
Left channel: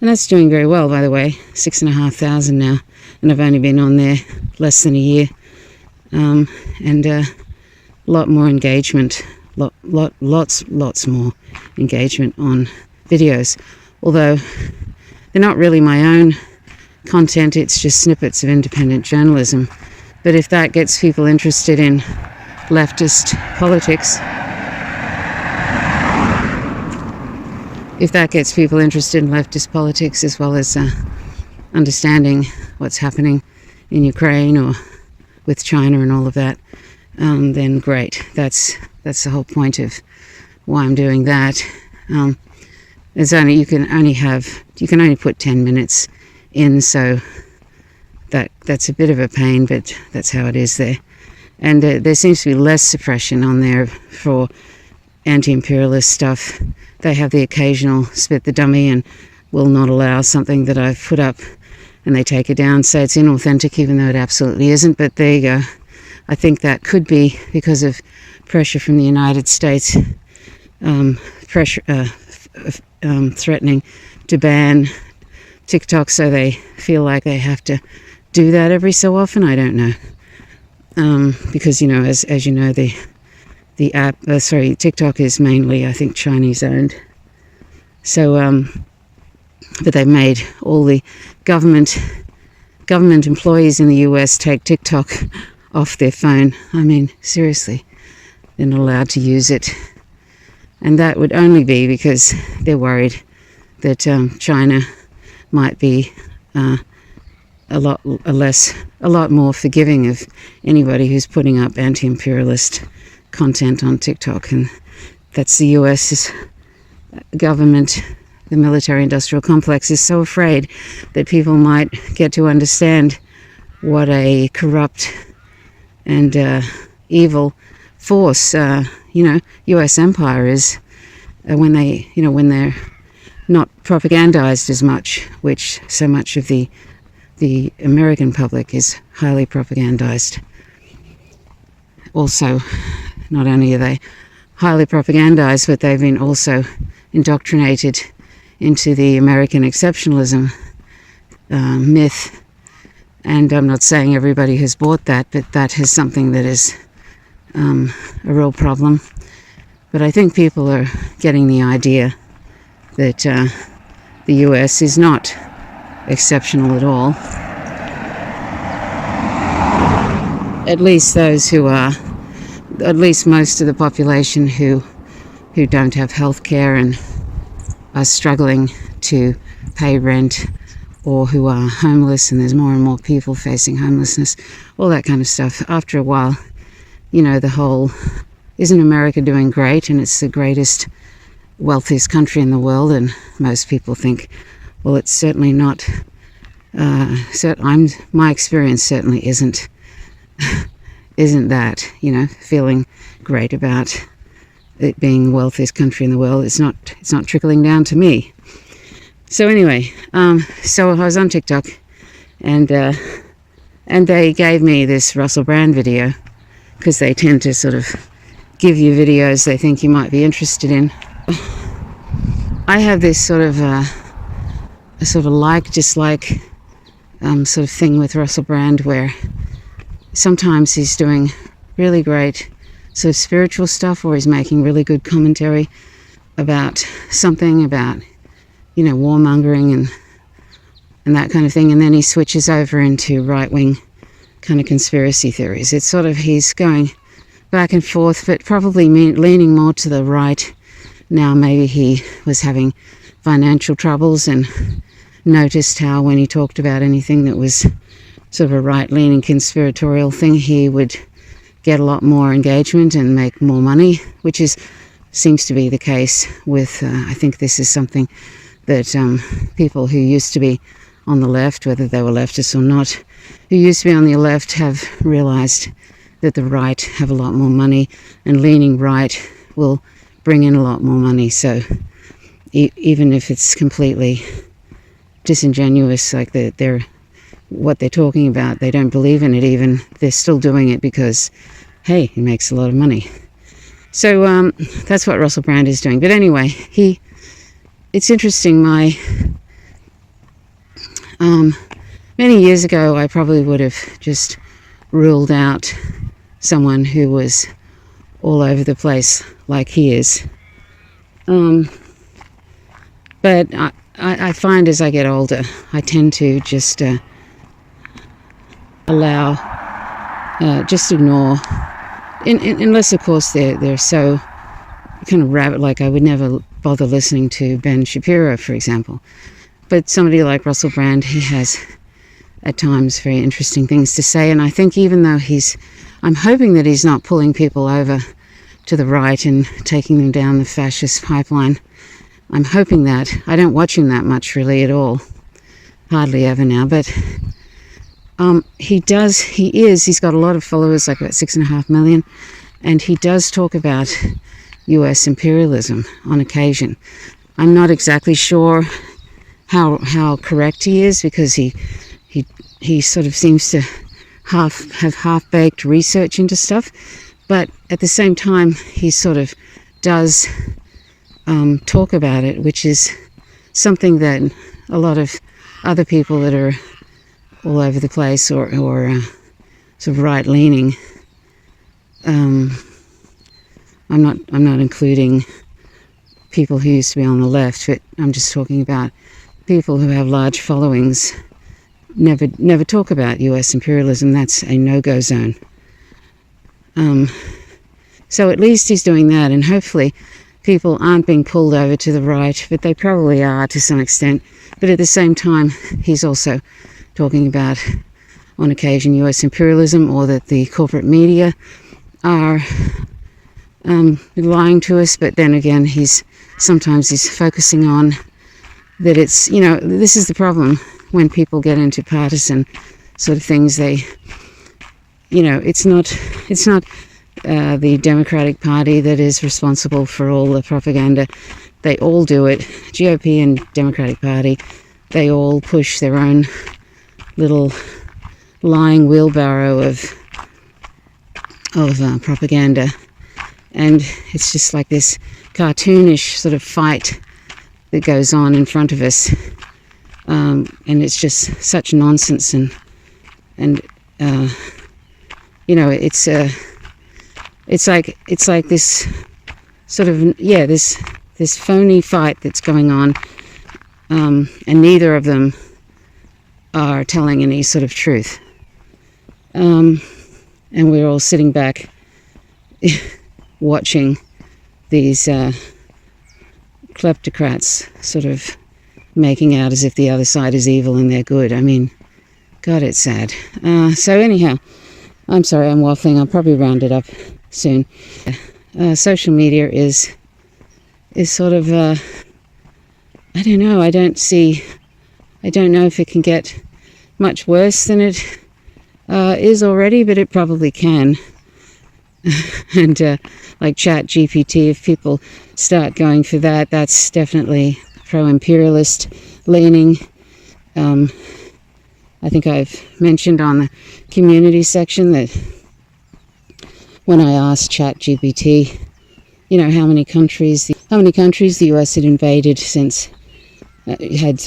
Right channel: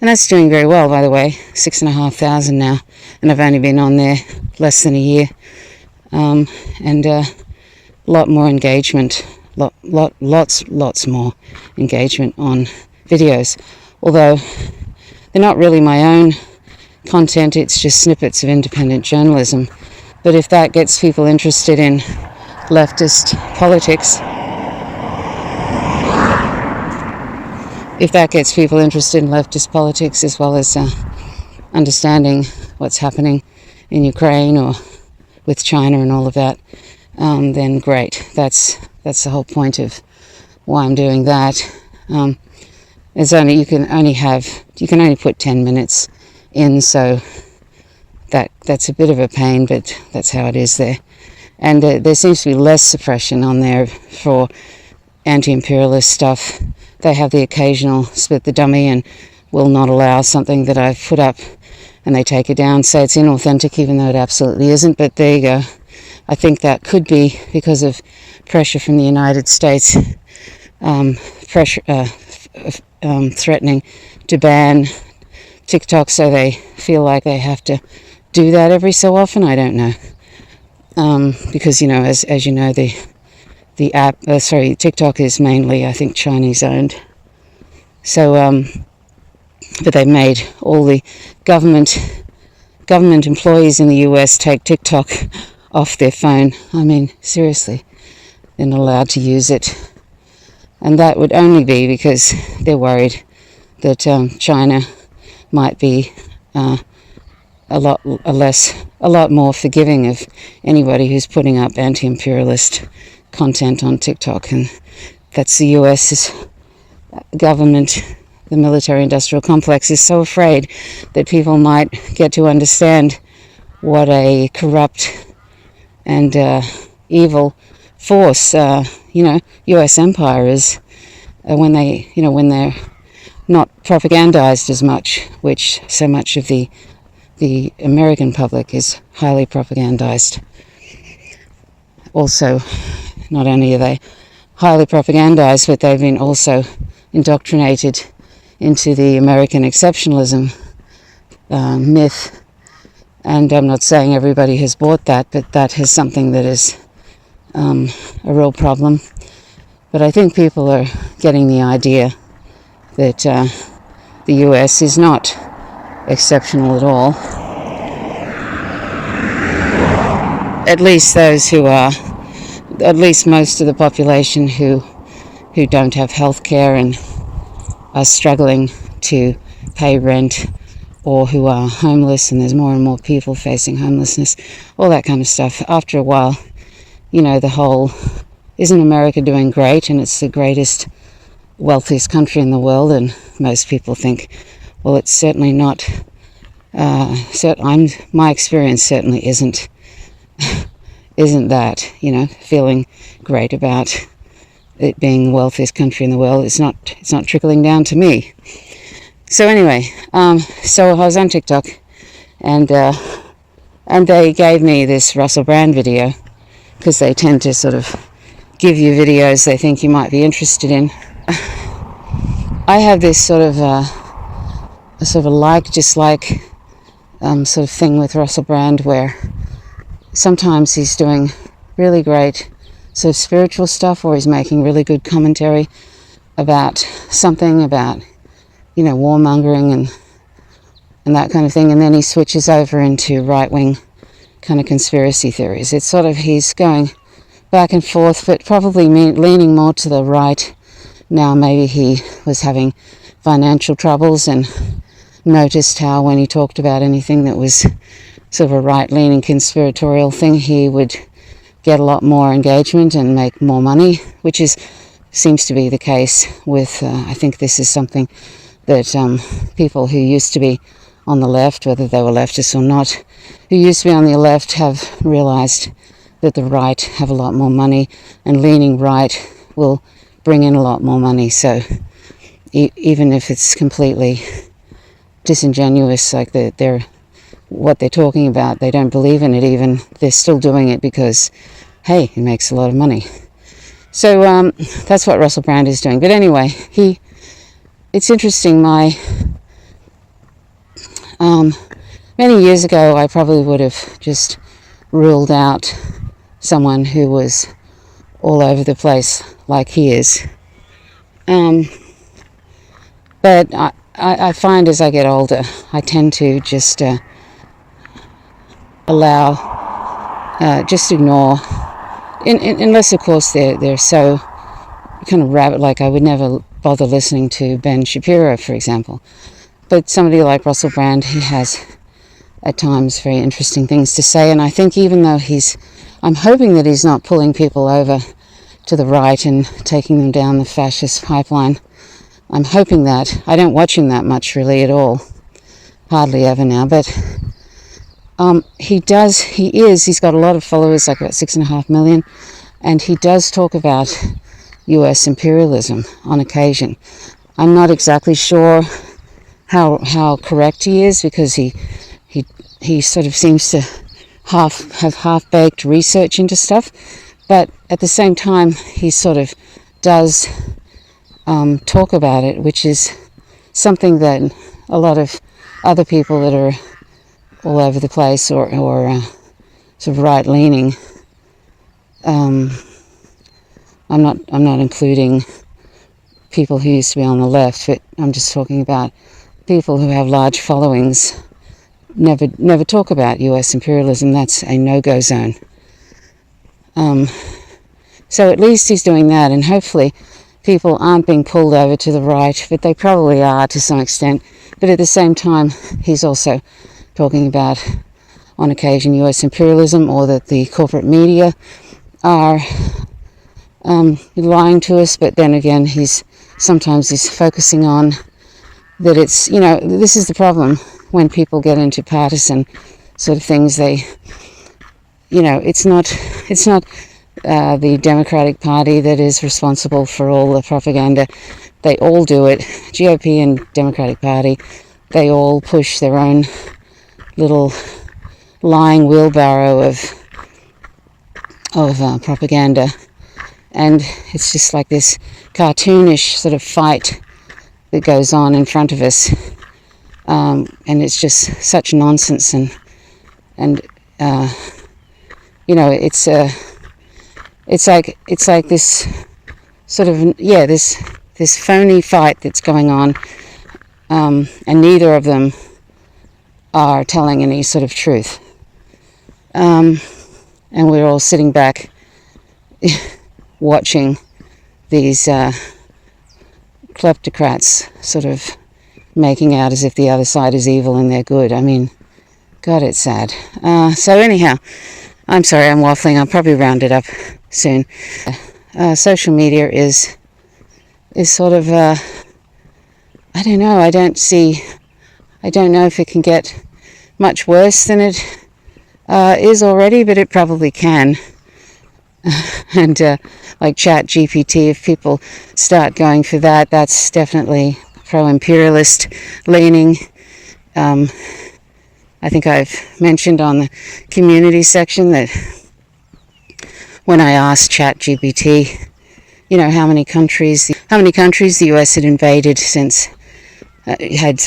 that's doing very well, by the way. 6,500 now, and I've only been on there less than a year, and a lot more engagement, lots more engagement on videos. Although they're not really my own content, it's just snippets of independent journalism. But if that gets people interested in leftist politics, as well as understanding what's happening in Ukraine or with China and all of that, then great. That's the whole point of why I'm doing that. You can only put 10 minutes in, so that's a bit of a pain, but that's how it is there. And there seems to be less suppression on there for anti-imperialist stuff. They have the occasional spit the dummy and will not allow something that I've put up, and they take it down, say it's inauthentic, even though it absolutely isn't. But there you go. I think that could be because of pressure from the United States, threatening to ban TikTok, so they feel like they have to do that every so often. I don't know, because as you know, the app, TikTok is mainly, I think, Chinese owned. So, but they've made all the government employees in the US take TikTok off their phone. I mean, seriously, they're not allowed to use it. And that would only be because they're worried that China might be a lot more forgiving of anybody who's putting up anti-imperialist content on TikTok. And that's the US's government. The military-industrial complex is so afraid that people might get to understand what a corrupt and evil force, U.S. empire is, when they're not propagandized as much, which so much of the American public is highly propagandized. Also, not only are they highly propagandized, but they've been also indoctrinated into the American exceptionalism myth. And I'm not saying everybody has bought that, but that is something that is a real problem. But I think people are getting the idea that the US is not exceptional at all. At least those who are, at least most of the population who don't have health care and are struggling to pay rent, or who are homeless, and there's more and more people facing homelessness, all that kind of stuff. After a while, the whole, isn't America doing great, and it's the greatest, wealthiest country in the world, and most people think, well, it's certainly not. My experience certainly isn't that, feeling great about it being the wealthiest country in the world. It's not trickling down to me. So anyway, so I was on TikTok, and they gave me this Russell Brand video, because they tend to sort of give you videos they think you might be interested in. I have this sort of dislike sort of thing with Russell Brand, where sometimes he's doing really great sort of spiritual stuff, or he's making really good commentary about something, about warmongering and that kind of thing, and then he switches over into right-wing kind of conspiracy theories. It's sort of, he's going back and forth, but probably leaning more to the right now. Maybe he was having financial troubles and noticed how when he talked about anything that was sort of a right-leaning conspiratorial thing, he would get a lot more engagement and make more money, which seems to be the case with, I think this is something that people who used to be on the left, whether they were leftists or not, who used to be on the left have realised that the right have a lot more money, and leaning right will bring in a lot more money. So even if it's completely disingenuous, like they're what they're talking about, they don't believe in it even, they're still doing it because, hey, he makes a lot of money. So that's what Russell Brand is doing. But anyway, it's interesting, many years ago I probably would have just ruled out someone who was all over the place like he is. But I find as I get older, I tend to just just ignore, unless of course they're so kind of rabbit, like I would never bother listening to Ben Shapiro, for example. But somebody like Russell Brand, he has at times very interesting things to say, and I think even though I'm hoping that he's not pulling people over to the right and taking them down the fascist pipeline. I'm hoping that. I don't watch him that much really at all, hardly ever now, but he's got a lot of followers, like about 6.5 million, and he does talk about US imperialism on occasion. I'm not exactly sure how correct he is, because he sort of seems to have half-baked research into stuff, but at the same time he sort of does talk about it, which is something that a lot of other people that are all over the place or sort of right-leaning, I'm not including people who used to be on the left, but I'm just talking about people who have large followings, never talk about US imperialism. That's a no-go zone. So at least he's doing that, and hopefully people aren't being pulled over to the right, but they probably are to some extent. But at the same time, he's also talking about, on occasion, US imperialism, or that the corporate media are lying to us. But then again, he's focusing on that it's, this is the problem when people get into partisan sort of things. They, it's not the Democratic Party that is responsible for all the propaganda. They all do it. GOP and Democratic Party, they all push their own little lying wheelbarrow of propaganda, and it's just like this cartoonish sort of fight that goes on in front of us, and it's just such nonsense, and it's like this sort of this phony fight that's going on, and neither of them are telling any sort of truth, and we're all sitting back watching these kleptocrats sort of making out as if the other side is evil and they're good. I mean, God, it's sad. So anyhow, I'm sorry, I'm waffling. I'll probably round it up soon. Social media is sort of, I don't know. I don't know if it can get much worse than it is already, but it probably can. And like ChatGPT, if people start going for that, that's definitely pro-imperialist leaning. I think I've mentioned on the community section that when I asked ChatGPT, how many countries the US had invaded since, had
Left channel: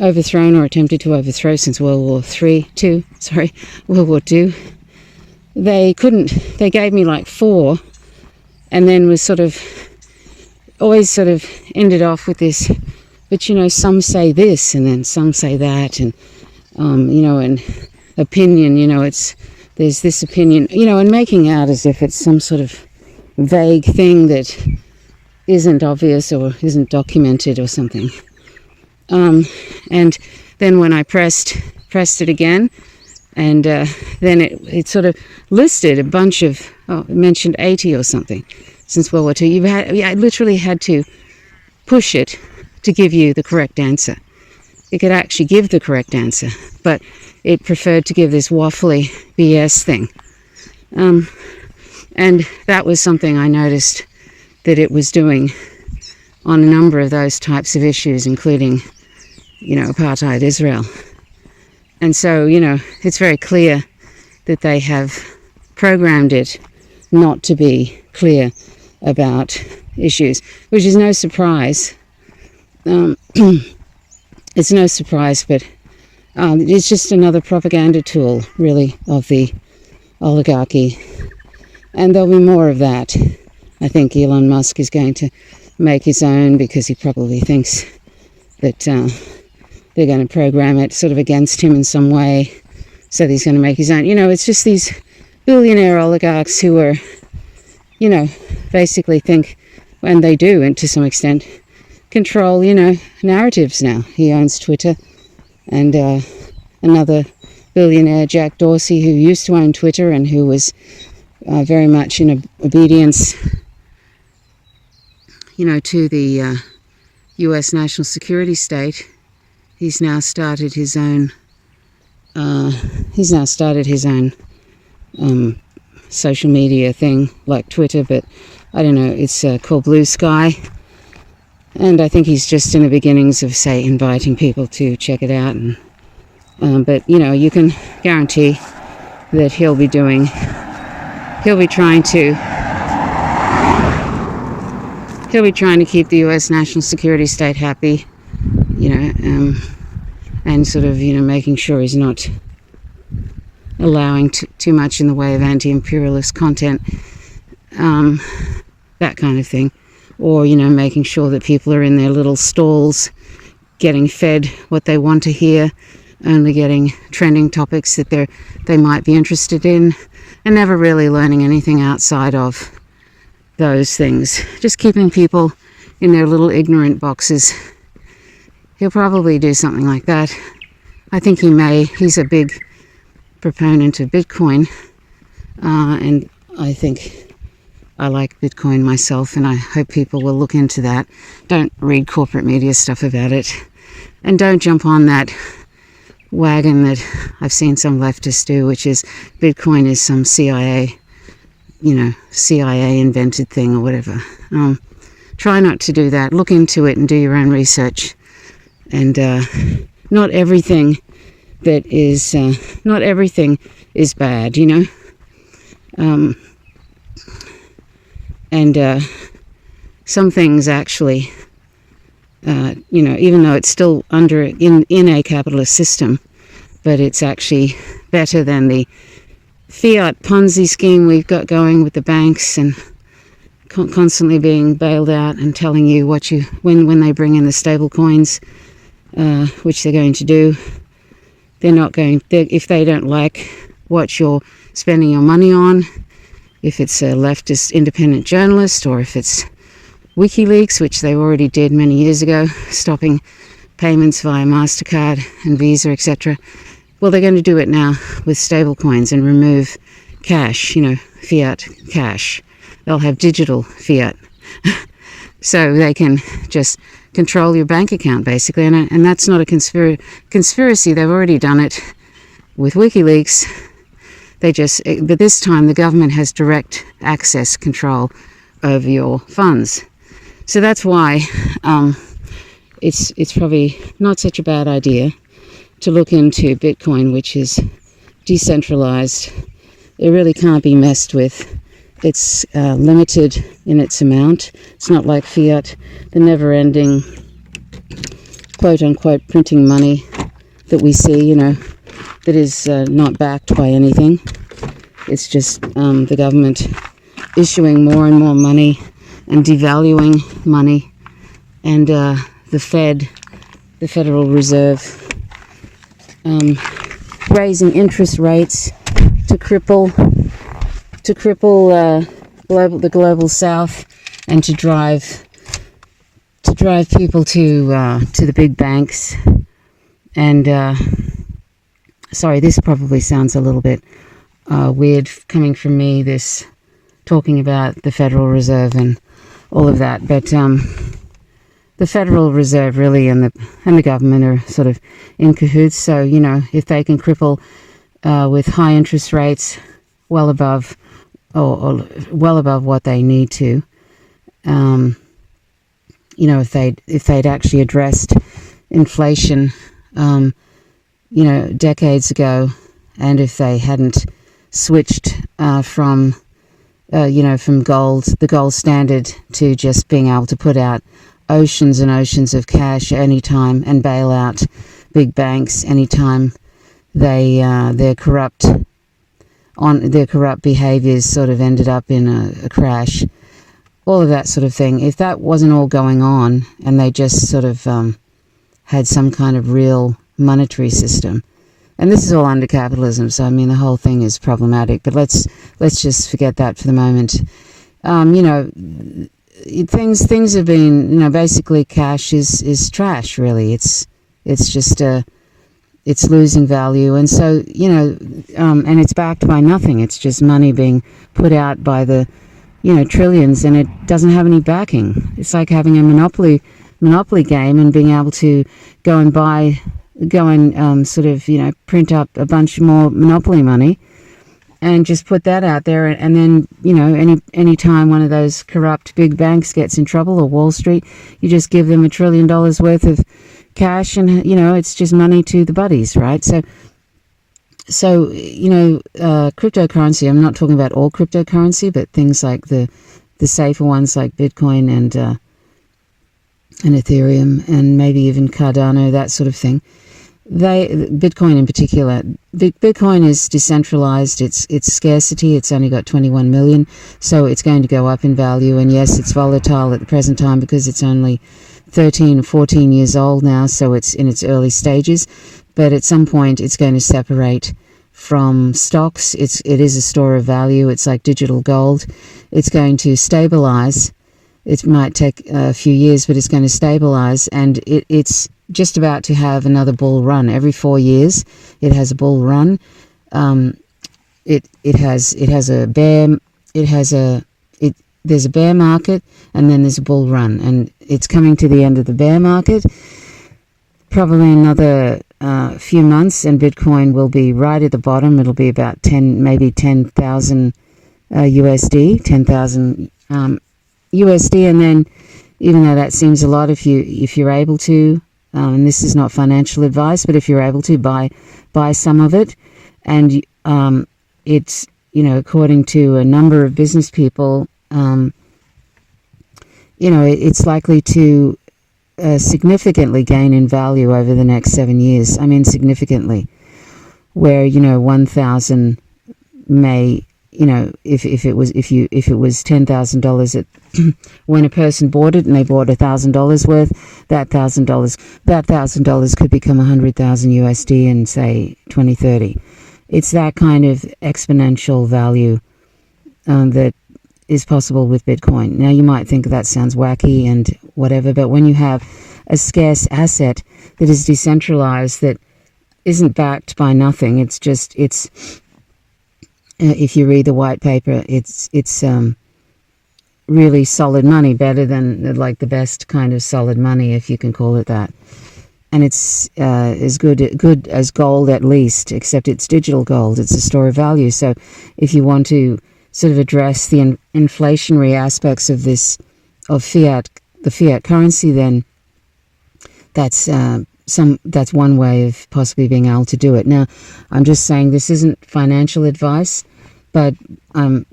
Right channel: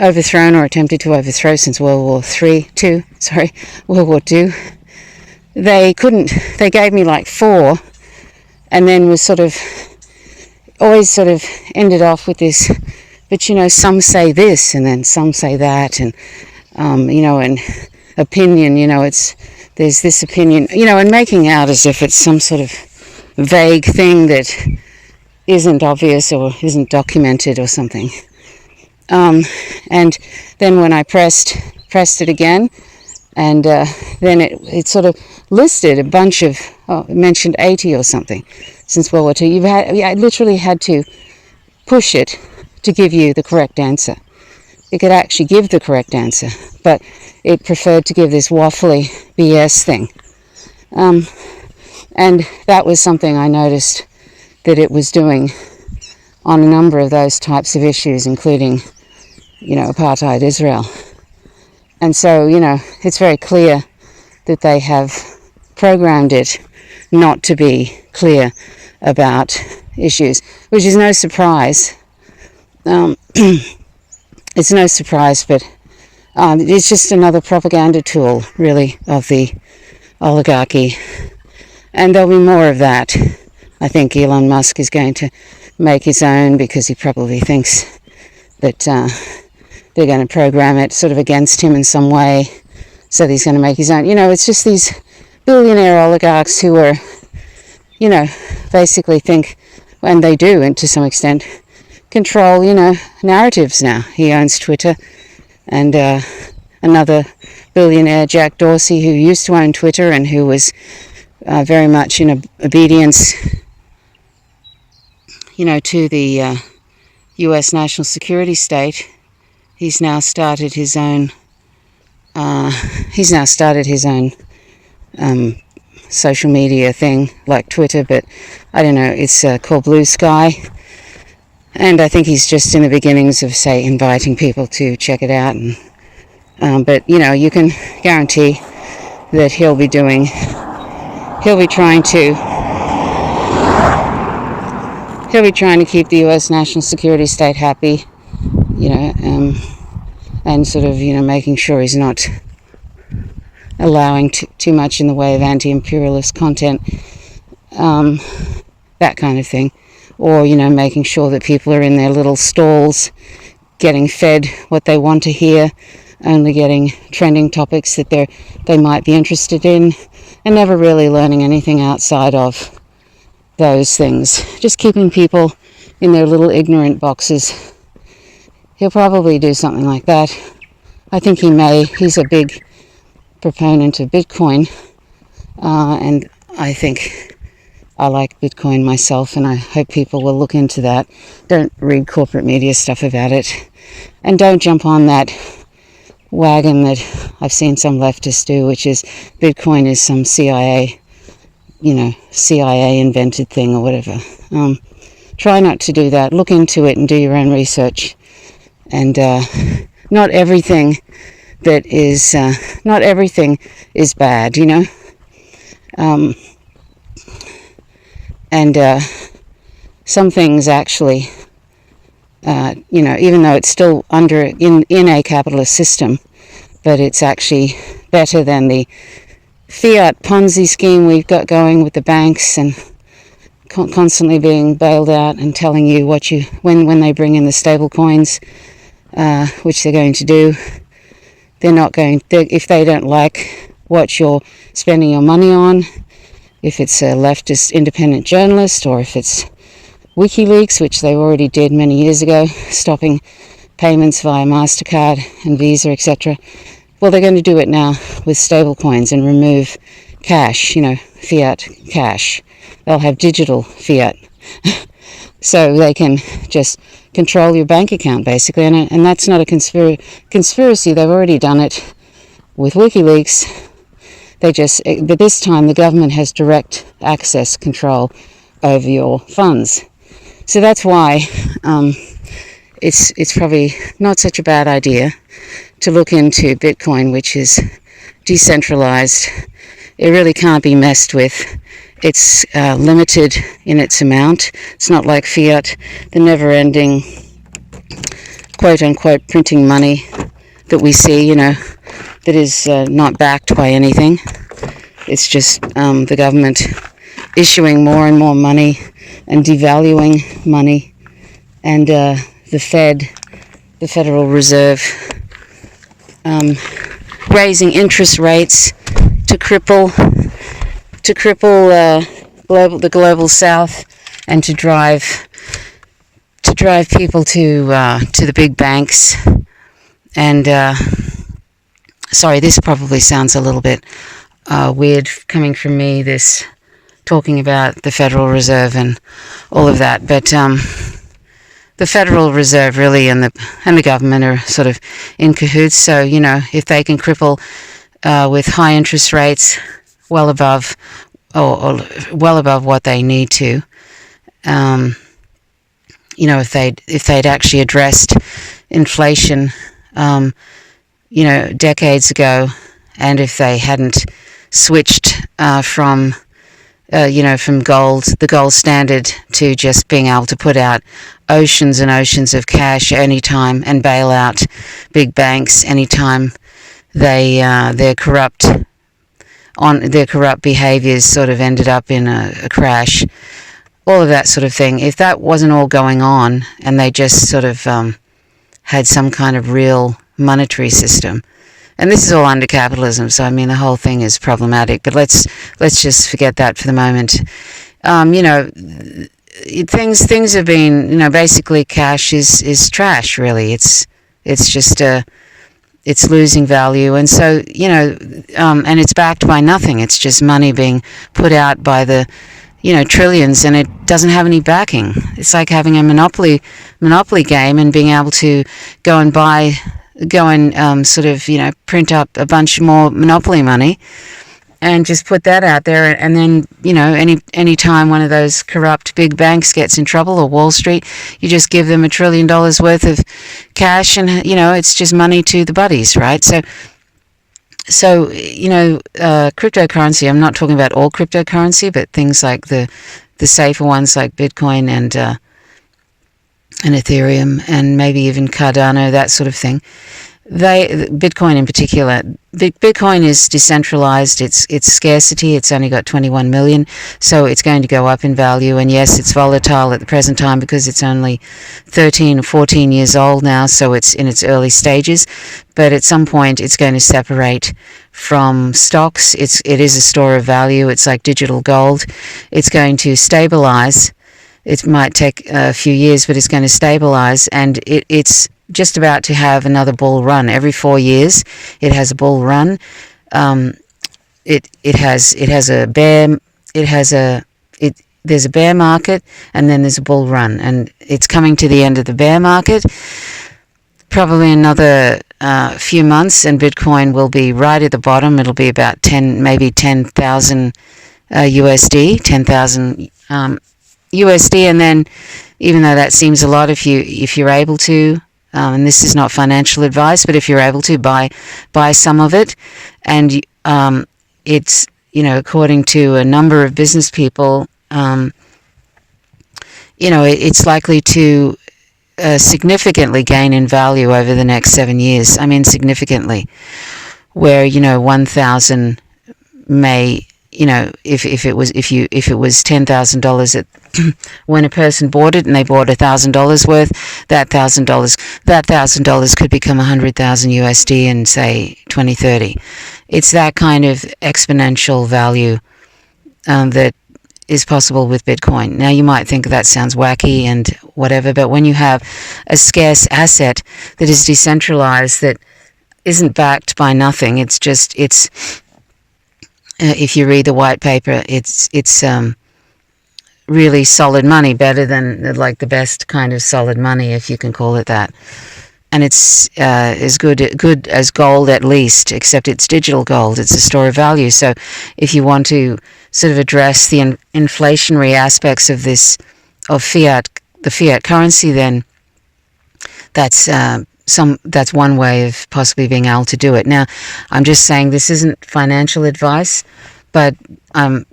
overthrown or attempted to overthrow since World War II. They gave me like 4, and then was always ended off with this, but some say this and then some say that, and and opinion, there's this opinion, and making out as if it's some sort of vague thing that isn't obvious or isn't documented or something. And then when I pressed it again, And then it sort of listed a bunch of, it mentioned 80 or something since World War II. I literally had to push it to give you the correct answer. It could actually give the correct answer, but it preferred to give this waffly BS thing. And that was something I noticed that it was doing on a number of those types of issues, including, apartheid Israel. And so, it's very clear that they have programmed it not to be clear about issues, which is no surprise. It's no surprise, but it's just another propaganda tool, really, of the oligarchy. And there'll be more of that. I think Elon Musk is going to make his own because he probably thinks that they're going to program it sort of against him in some way. So he's going to make his own. It's just these billionaire oligarchs who are, basically think, and they do, and to some extent, control, narratives now. He owns Twitter, and another billionaire, Jack Dorsey, who used to own Twitter and who was very much in obedience, to the U.S. national security state. He's now started his own. Social media thing like Twitter, but I don't know. It's called Blue Sky. And I think he's just in the beginnings of, say, inviting people to check it out. And, but, you can guarantee that he'll be trying to keep the U.S. national security state happy, and sort of, making sure he's not allowing too much in the way of anti-imperialist content, that kind of thing. Or, making sure that people are in their little stalls getting fed what they want to hear, only getting trending topics that they might be interested in, and never really learning anything outside of those things. Just keeping people in their little ignorant boxes. He'll probably do something like that. I think he may. He's a big proponent of Bitcoin, and I think I like Bitcoin myself, and I hope people will look into that. Don't read corporate media stuff about it, and don't jump on that wagon that I've seen some leftists do, which is Bitcoin is some CIA invented thing or whatever. Try not to do that. Look into it and do your own research. And not everything is bad, and some things actually, even though it's still in a capitalist system, but it's actually better than the fiat Ponzi scheme we've got going with the banks and constantly being bailed out and telling you when they bring in the stable coins, which they're going to do. If they don't like what you're spending your money on, if it's a leftist independent journalist, or if it's WikiLeaks, which they already did many years ago, stopping payments via MasterCard and Visa, etc. Well, they're going to do it now with stable coins and remove cash, fiat cash. They'll have digital fiat. So they can just control your bank account, basically. And that's not a conspiracy. They've already done it with WikiLeaks. But this time the government has direct access control over your funds. So that's why it's probably not such a bad idea to look into Bitcoin, which is decentralized. It really can't be messed with. It's limited in its amount. It's not like fiat, the never-ending, quote-unquote, printing money that we see, that is not backed by anything. It's just the government issuing more and more money and devaluing money, and the Federal Reserve, raising interest rates to cripple the global South, and to drive people to the big banks, and sorry, this probably sounds a little bit weird coming from me, this talking about the Federal Reserve and all of that, but the Federal Reserve really and the government are sort of in cahoots. So, if they can cripple with high interest rates well above or well above what they need to, if they'd actually addressed inflation, decades ago, and if they hadn't switched from the gold standard to just being able to put out oceans and oceans of cash anytime and bail out big banks anytime their corrupt behaviours sort of ended up in a crash, all of that sort of thing. If that wasn't all going on and they just sort of had some kind of real monetary system, and this is all under capitalism, so I mean the whole thing is problematic, but let's just forget that for the moment. Things have been, basically cash is trash, really. It's just it's losing value, and so and it's backed by nothing. It's just money being put out by the trillions, and it doesn't have any backing. It's like having a monopoly game and being able to go and print up a bunch more monopoly money and just put that out there, and then any time one of those corrupt big banks gets in trouble, or Wall Street, you just give them $1 trillion worth of cash, and it's just money to the buddies, right? So cryptocurrency, I'm not talking about all cryptocurrency, but things like the safer ones like Bitcoin and Ethereum, and maybe even Cardano, that sort of thing. Bitcoin in particular, Bitcoin is decentralized. It's scarcity. It's only got 21 million, so it's going to go up in value. And yes, it's volatile at the present time because it's only 13 or 14 years old now, so it's in its early stages. But at some point, it's going to separate from stocks. It is a store of value. It's like digital gold. It's going to stabilize. It might take a few years, but it's going to stabilize, and it's just about to have another bull run. Every 4 years, it has a bull run. There's a bear market, and then there's a bull run, and it's coming to the end of the bear market. Probably another few months, and Bitcoin will be right at the bottom. It'll be about 10,000 USD, 10,000 USD, and then, even though that seems a lot, if you're able to, and this is not financial advice, but if you're able to buy some of it, and it's according to a number of business people, it's likely to significantly gain in value over the next 7 years. I mean, significantly, where 1,000 may, if it was $10,000 at when a person bought it and they bought $1,000 worth, that $1,000 could become 100,000 USD in, say, 2030. It's that kind of exponential value that is possible with Bitcoin. Now, you might think that sounds wacky and whatever, but when you have a scarce asset that is decentralized, that isn't backed by nothing, if you read the white paper, it's really solid money, better than like the best kind of solid money, if you can call it that. And it's as good as gold, at least, except it's digital gold. It's a store of value. So if you want to sort of address the inflationary aspects of the fiat currency, then that's one way of possibly being able to do it. Now, I'm just saying this isn't financial advice, but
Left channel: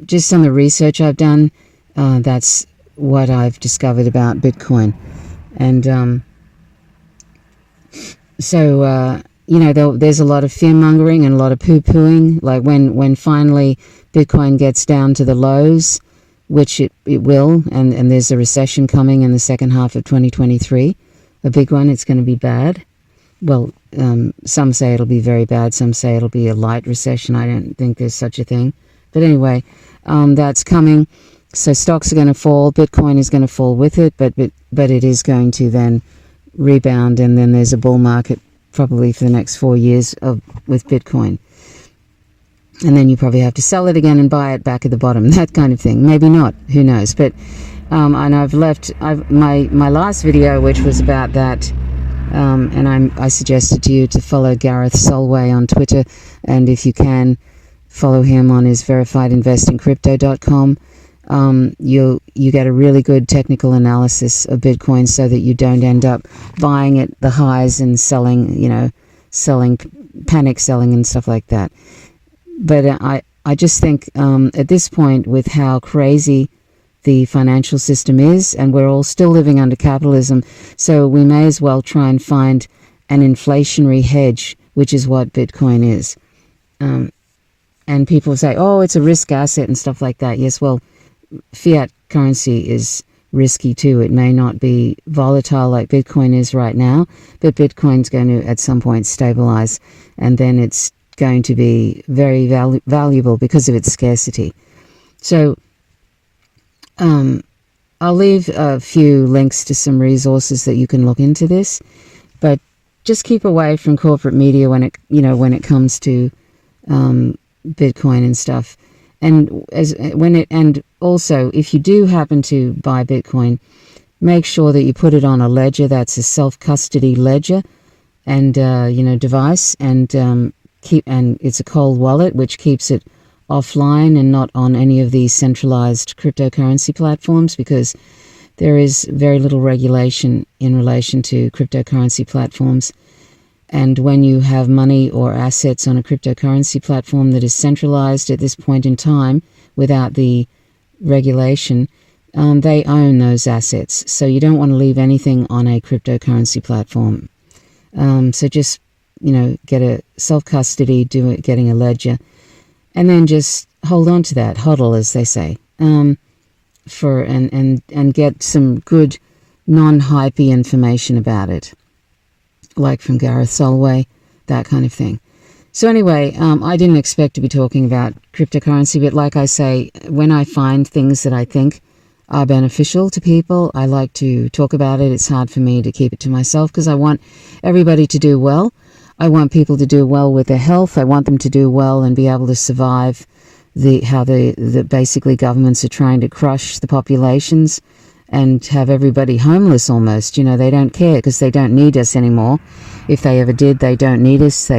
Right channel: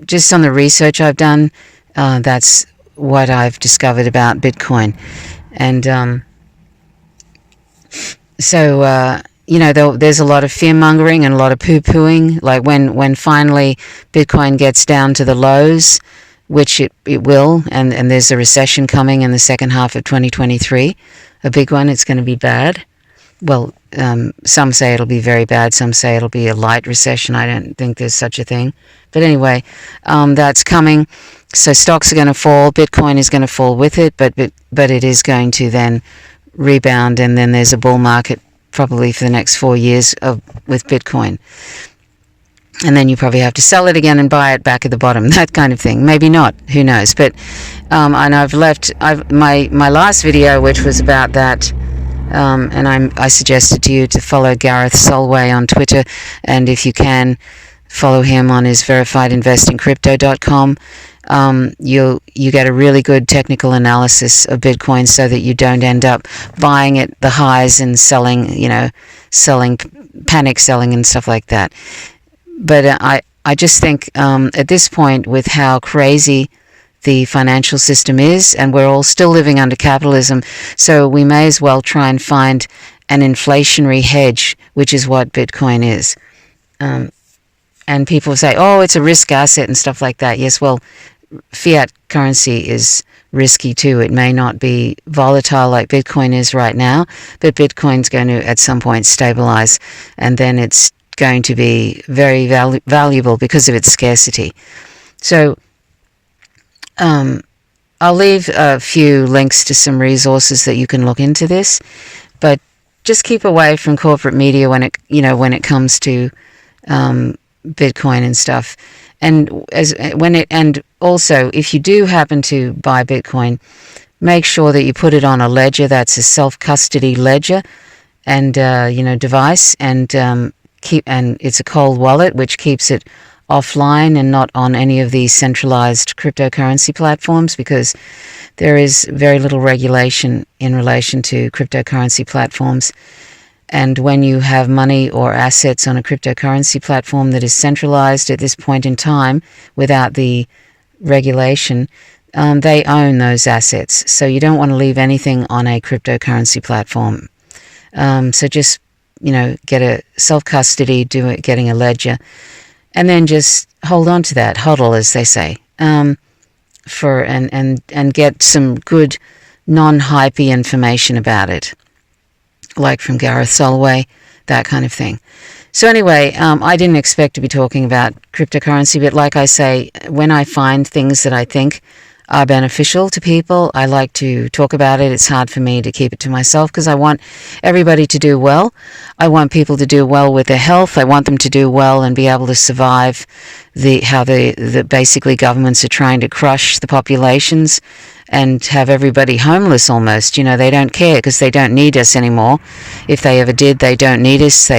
just on the research I've done, that's what I've discovered about Bitcoin. And there's a lot of fear-mongering and a lot of poo-pooing. Like when finally Bitcoin gets down to the lows, which it will, and there's a recession coming in the second half of 2023, a big one. It's going to be bad. Well, some say it'll be very bad. Some say it'll be a light recession. I don't think there's such a thing. But anyway, that's coming. So stocks are going to fall. Bitcoin is going to fall with it, but it is going to then rebound, and then there's a bull market probably for the next 4 years with Bitcoin. And then you probably have to sell it again and buy it back at the bottom, that kind of thing. Maybe not, who knows. But and I've my last video, which was about that, and I suggested to you to follow Gareth Solway on Twitter, and if you can, follow him on his verifiedinvestingcrypto.com. You get a really good technical analysis of Bitcoin so that you don't end up buying at the highs and selling, panic selling and stuff like that. But I just think at this point, with how crazy the financial system is, and we're all still living under capitalism, so we may as well try and find an inflationary hedge, which is what Bitcoin is. And people say, oh, it's a risk asset and stuff like that. Yes, well, fiat currency is risky too. It may not be volatile like Bitcoin is right now, but Bitcoin's going to at some point stabilize, and then it's going to be very valuable because of its scarcity. So I'll leave a few links to some resources that you can look into this, but just keep away from corporate media when it comes to Bitcoin and stuff. And also, if you do happen to buy Bitcoin, make sure that you put it on a ledger that's a self-custody ledger and device, and it's a cold wallet, which keeps it offline and not on any of these centralized cryptocurrency platforms, because there is very little regulation in relation to cryptocurrency platforms. And when you have money or assets on a cryptocurrency platform that is centralized at this point in time without the regulation, they own those assets. So you don't want to leave anything on a cryptocurrency platform. So just get a self-custody, getting a ledger, and then just hold on to that, hodl, as they say, and get some good non-hypey information about it, like from Gareth Solway, that kind of thing. So anyway, I didn't expect to be talking about cryptocurrency, but like I say, when I find things that I think are beneficial to people, I like to talk about it. It's hard for me to keep it to myself because I want everybody to do well. I want people to do well with their health. I want them to do well and be able to survive how basically governments are trying to crush the populations and have everybody homeless almost. They don't care because they don't need us anymore. If they ever did, they don't need us.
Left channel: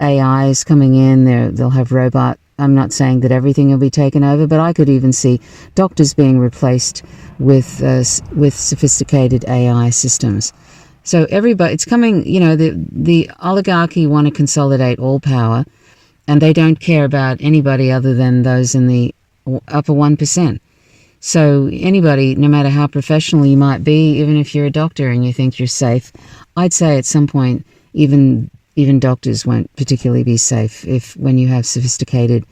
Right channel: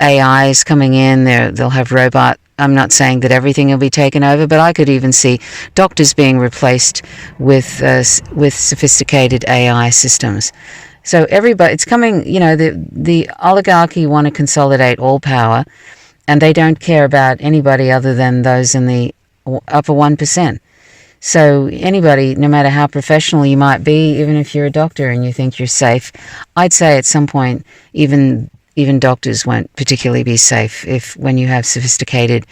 AI is coming in. They'll have robot. I'm not saying that everything will be taken over, but I could even see doctors being replaced with sophisticated AI systems. So it's coming. The oligarchy want to consolidate all power, and they don't care about anybody other than those in the upper 1%. So anybody, no matter how professional you might be, even if you're a doctor and you think you're safe, I'd say at some point even doctors won't particularly be safe when you have sophisticated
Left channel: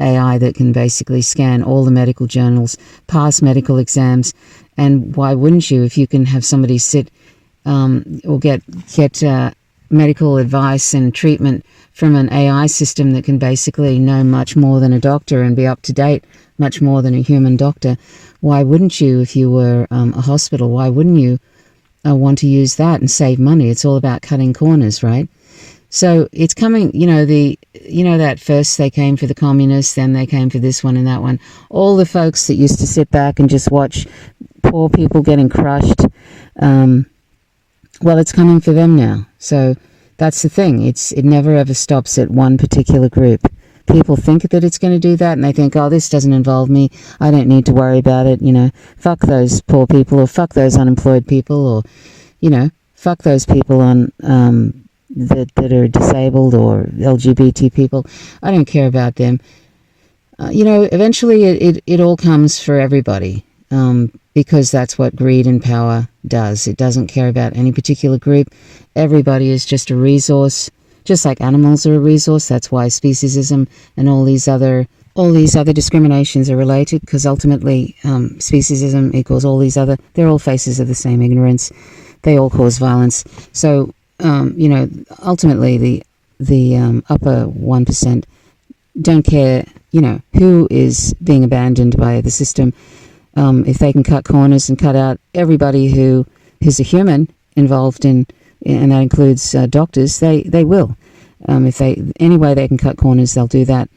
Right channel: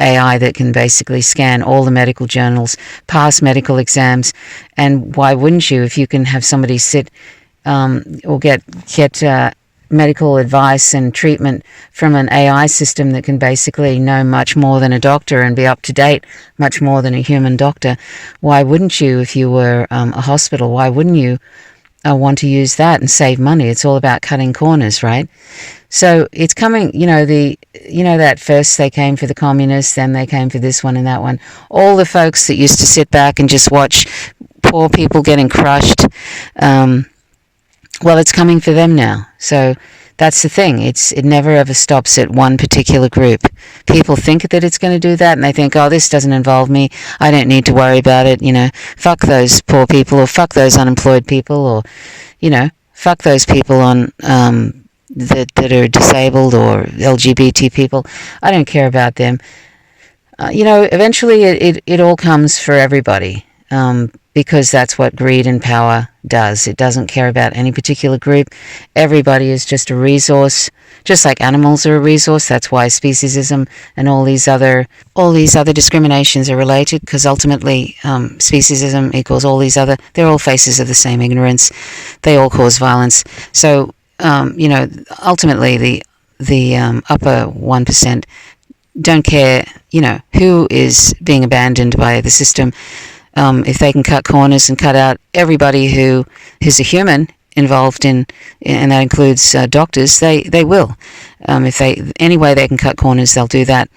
AI that can basically scan all the medical journals, pass medical exams. And why wouldn't you, if you can have somebody sit or get medical advice and treatment from an AI system that can basically know much more than a doctor and be up to date much more than a human doctor? Why wouldn't you, if you were a hospital, why wouldn't you want to use that and save money? It's all about cutting corners, right? So it's coming, that first they came for the communists, then they came for this one and that one. All the folks that used to sit back and just watch poor people getting crushed, well, it's coming for them now. So that's the thing. It never ever stops at one particular group. People think that it's going to do that, and they think, oh, this doesn't involve me. I don't need to worry about it. Fuck those poor people, or fuck those unemployed people, or, fuck those people on that are disabled or LGBT people. I don't care about them. Eventually it all comes for everybody, because that's what greed and power does. It doesn't care about any particular group. Everybody is just a resource, just like animals are a resource. That's why speciesism and all these other discriminations are related, because ultimately speciesism equals all these other. They're all faces of the same ignorance. They all cause violence. So ultimately the upper 1% don't care, who is being abandoned by the system. If they can cut corners and cut out everybody who's a human involved in, and that includes doctors, they will. If any way they can cut corners, they'll do that.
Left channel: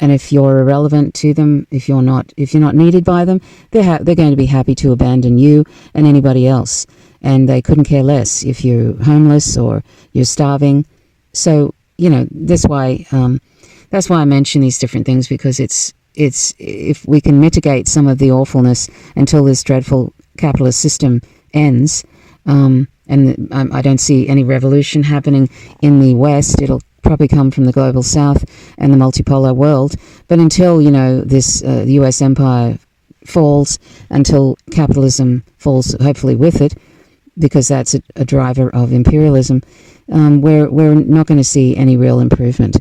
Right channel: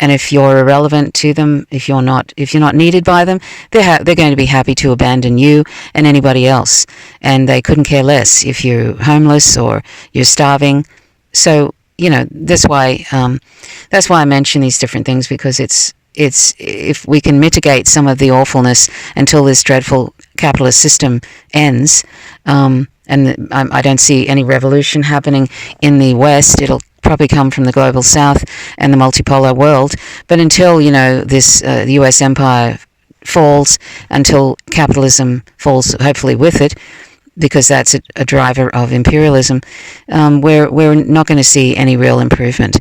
And if you're irrelevant to them, if you're not needed by them, they're going to be happy to abandon you and anybody else. And they couldn't care less if you're homeless or you're starving. So that's why I mention these different things, because it's if we can mitigate some of the awfulness until this dreadful capitalist system ends. And I don't see any revolution happening in the West. It'll probably come from the global South and the multipolar world. But until, this the US empire falls, until capitalism falls, hopefully with it, because that's a driver of imperialism, we're not going to see any real improvement.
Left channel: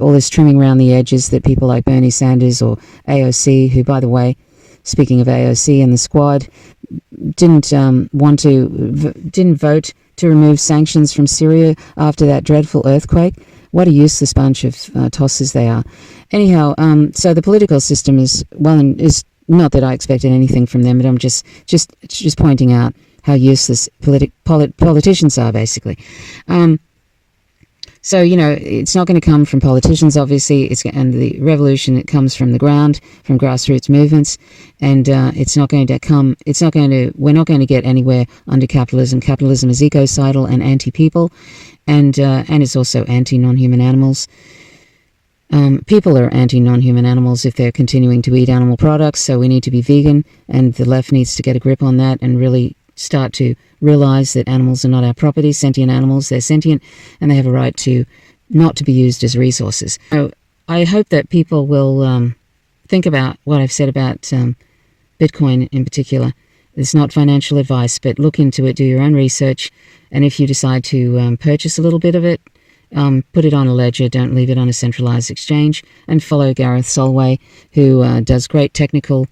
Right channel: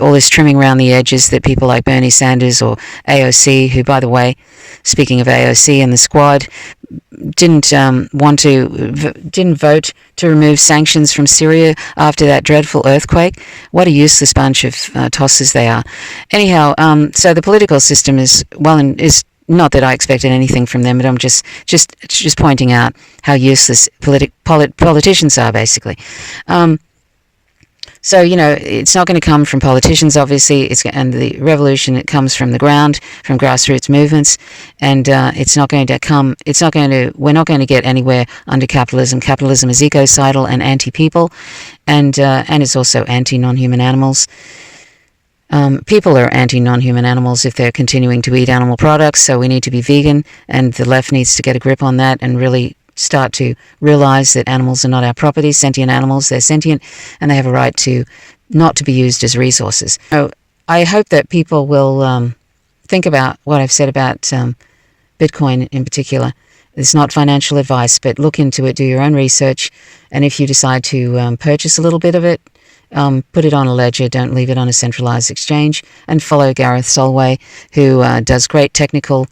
All this trimming around the edges that people like Bernie Sanders or AOC, who, by the way, speaking of AOC and the Squad, didn't vote to remove sanctions from Syria after that dreadful earthquake. What a useless bunch of tossers they are. Anyhow, so the political system is not that I expected anything from them, but I'm just pointing out how useless politicians are, basically. So, it's not going to come from politicians, obviously. And the revolution, it comes from the ground, from grassroots movements. And we're not going to get anywhere under capitalism. Capitalism is ecocidal and anti-people, and it's also anti-non-human animals. People are anti-non-human animals if they're continuing to eat animal products, so we need to be vegan, and the left needs to get a grip on that and really start to realize that animals are not our property. Sentient animals, they're sentient, and they have a right to not to be used as resources. So I hope that people will think about what I've said about Bitcoin in particular. It's not financial advice, but look into it, do your own research, and if you decide to purchase a little bit of it, put it on a ledger, don't leave it on a centralized exchange, and follow Gareth Solway, who does great technical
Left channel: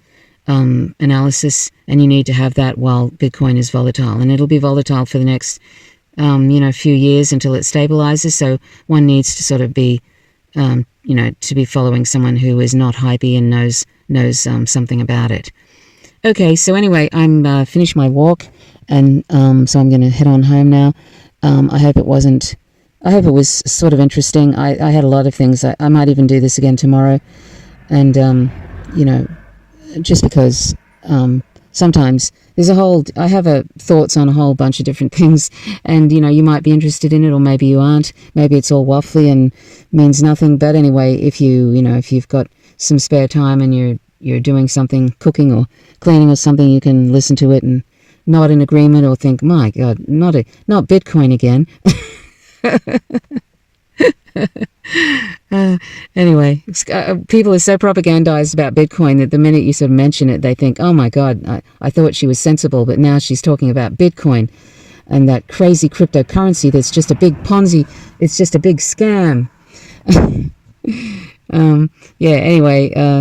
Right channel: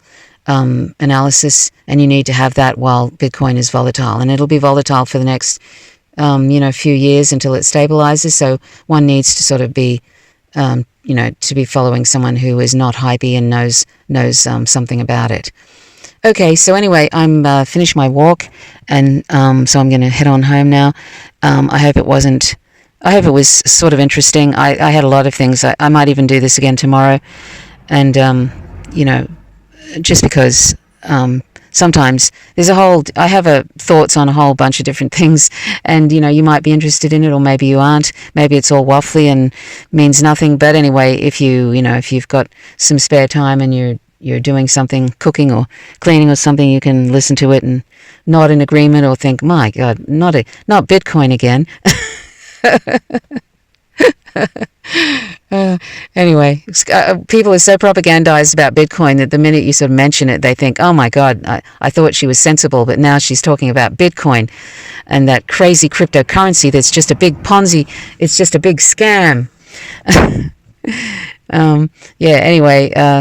analysis, and you need to have that while Bitcoin is volatile, and it'll be volatile for the next few years until it stabilizes. So one needs to sort of be to be following someone who is not hypey and knows something about it. Okay, so anyway, I'm finished my walk, and so I'm going to head on home now. I hope it was sort of interesting. I had a lot of things. I might even do this again tomorrow, and just because sometimes I have thoughts on a whole bunch of different things, and you might be interested in it, or maybe you aren't. Maybe it's all waffly and means nothing. But anyway, if you've got some spare time and you're doing something, cooking or cleaning or something, you can listen to it and nod in agreement, or think, my God, not Bitcoin again. Anyway, people are so propagandized about Bitcoin that the minute you sort of mention it, they think, oh my God, I thought she was sensible, but now she's talking about Bitcoin and that crazy cryptocurrency that's just a big Ponzi. It's just a big scam.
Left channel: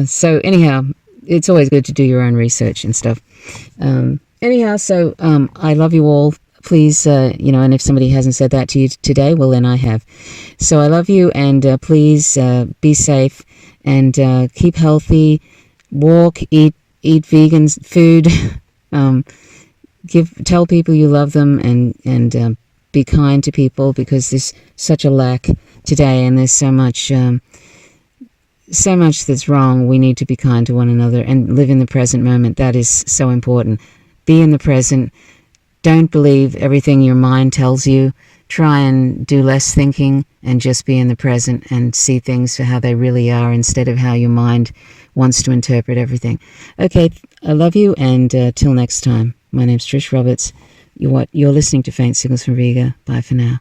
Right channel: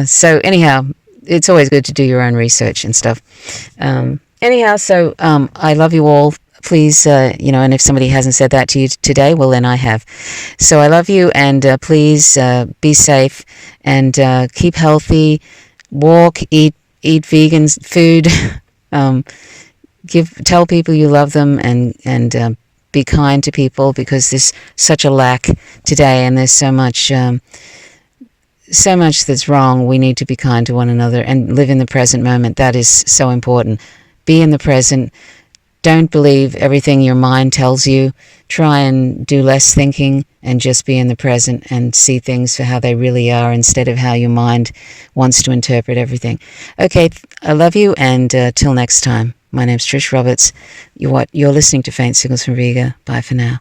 So anyhow, it's always good to do your own research and stuff. So I love you all. Please, and if somebody hasn't said that to you today, well, then I have. So I love you, and please be safe, and keep healthy, walk, eat vegan food, tell people you love them, and be kind to people, because there's such a lack today, and there's so much that's wrong. We need to be kind to one another and live in the present moment. That is so important. Be in the present. Don't believe everything your mind tells you. Try and do less thinking and just be in the present and see things for how they really are, instead of how your mind wants to interpret everything. Okay, I love you, and till next time. My name's Trish Roberts. You're listening to Faint Signals from Riga. Bye for now.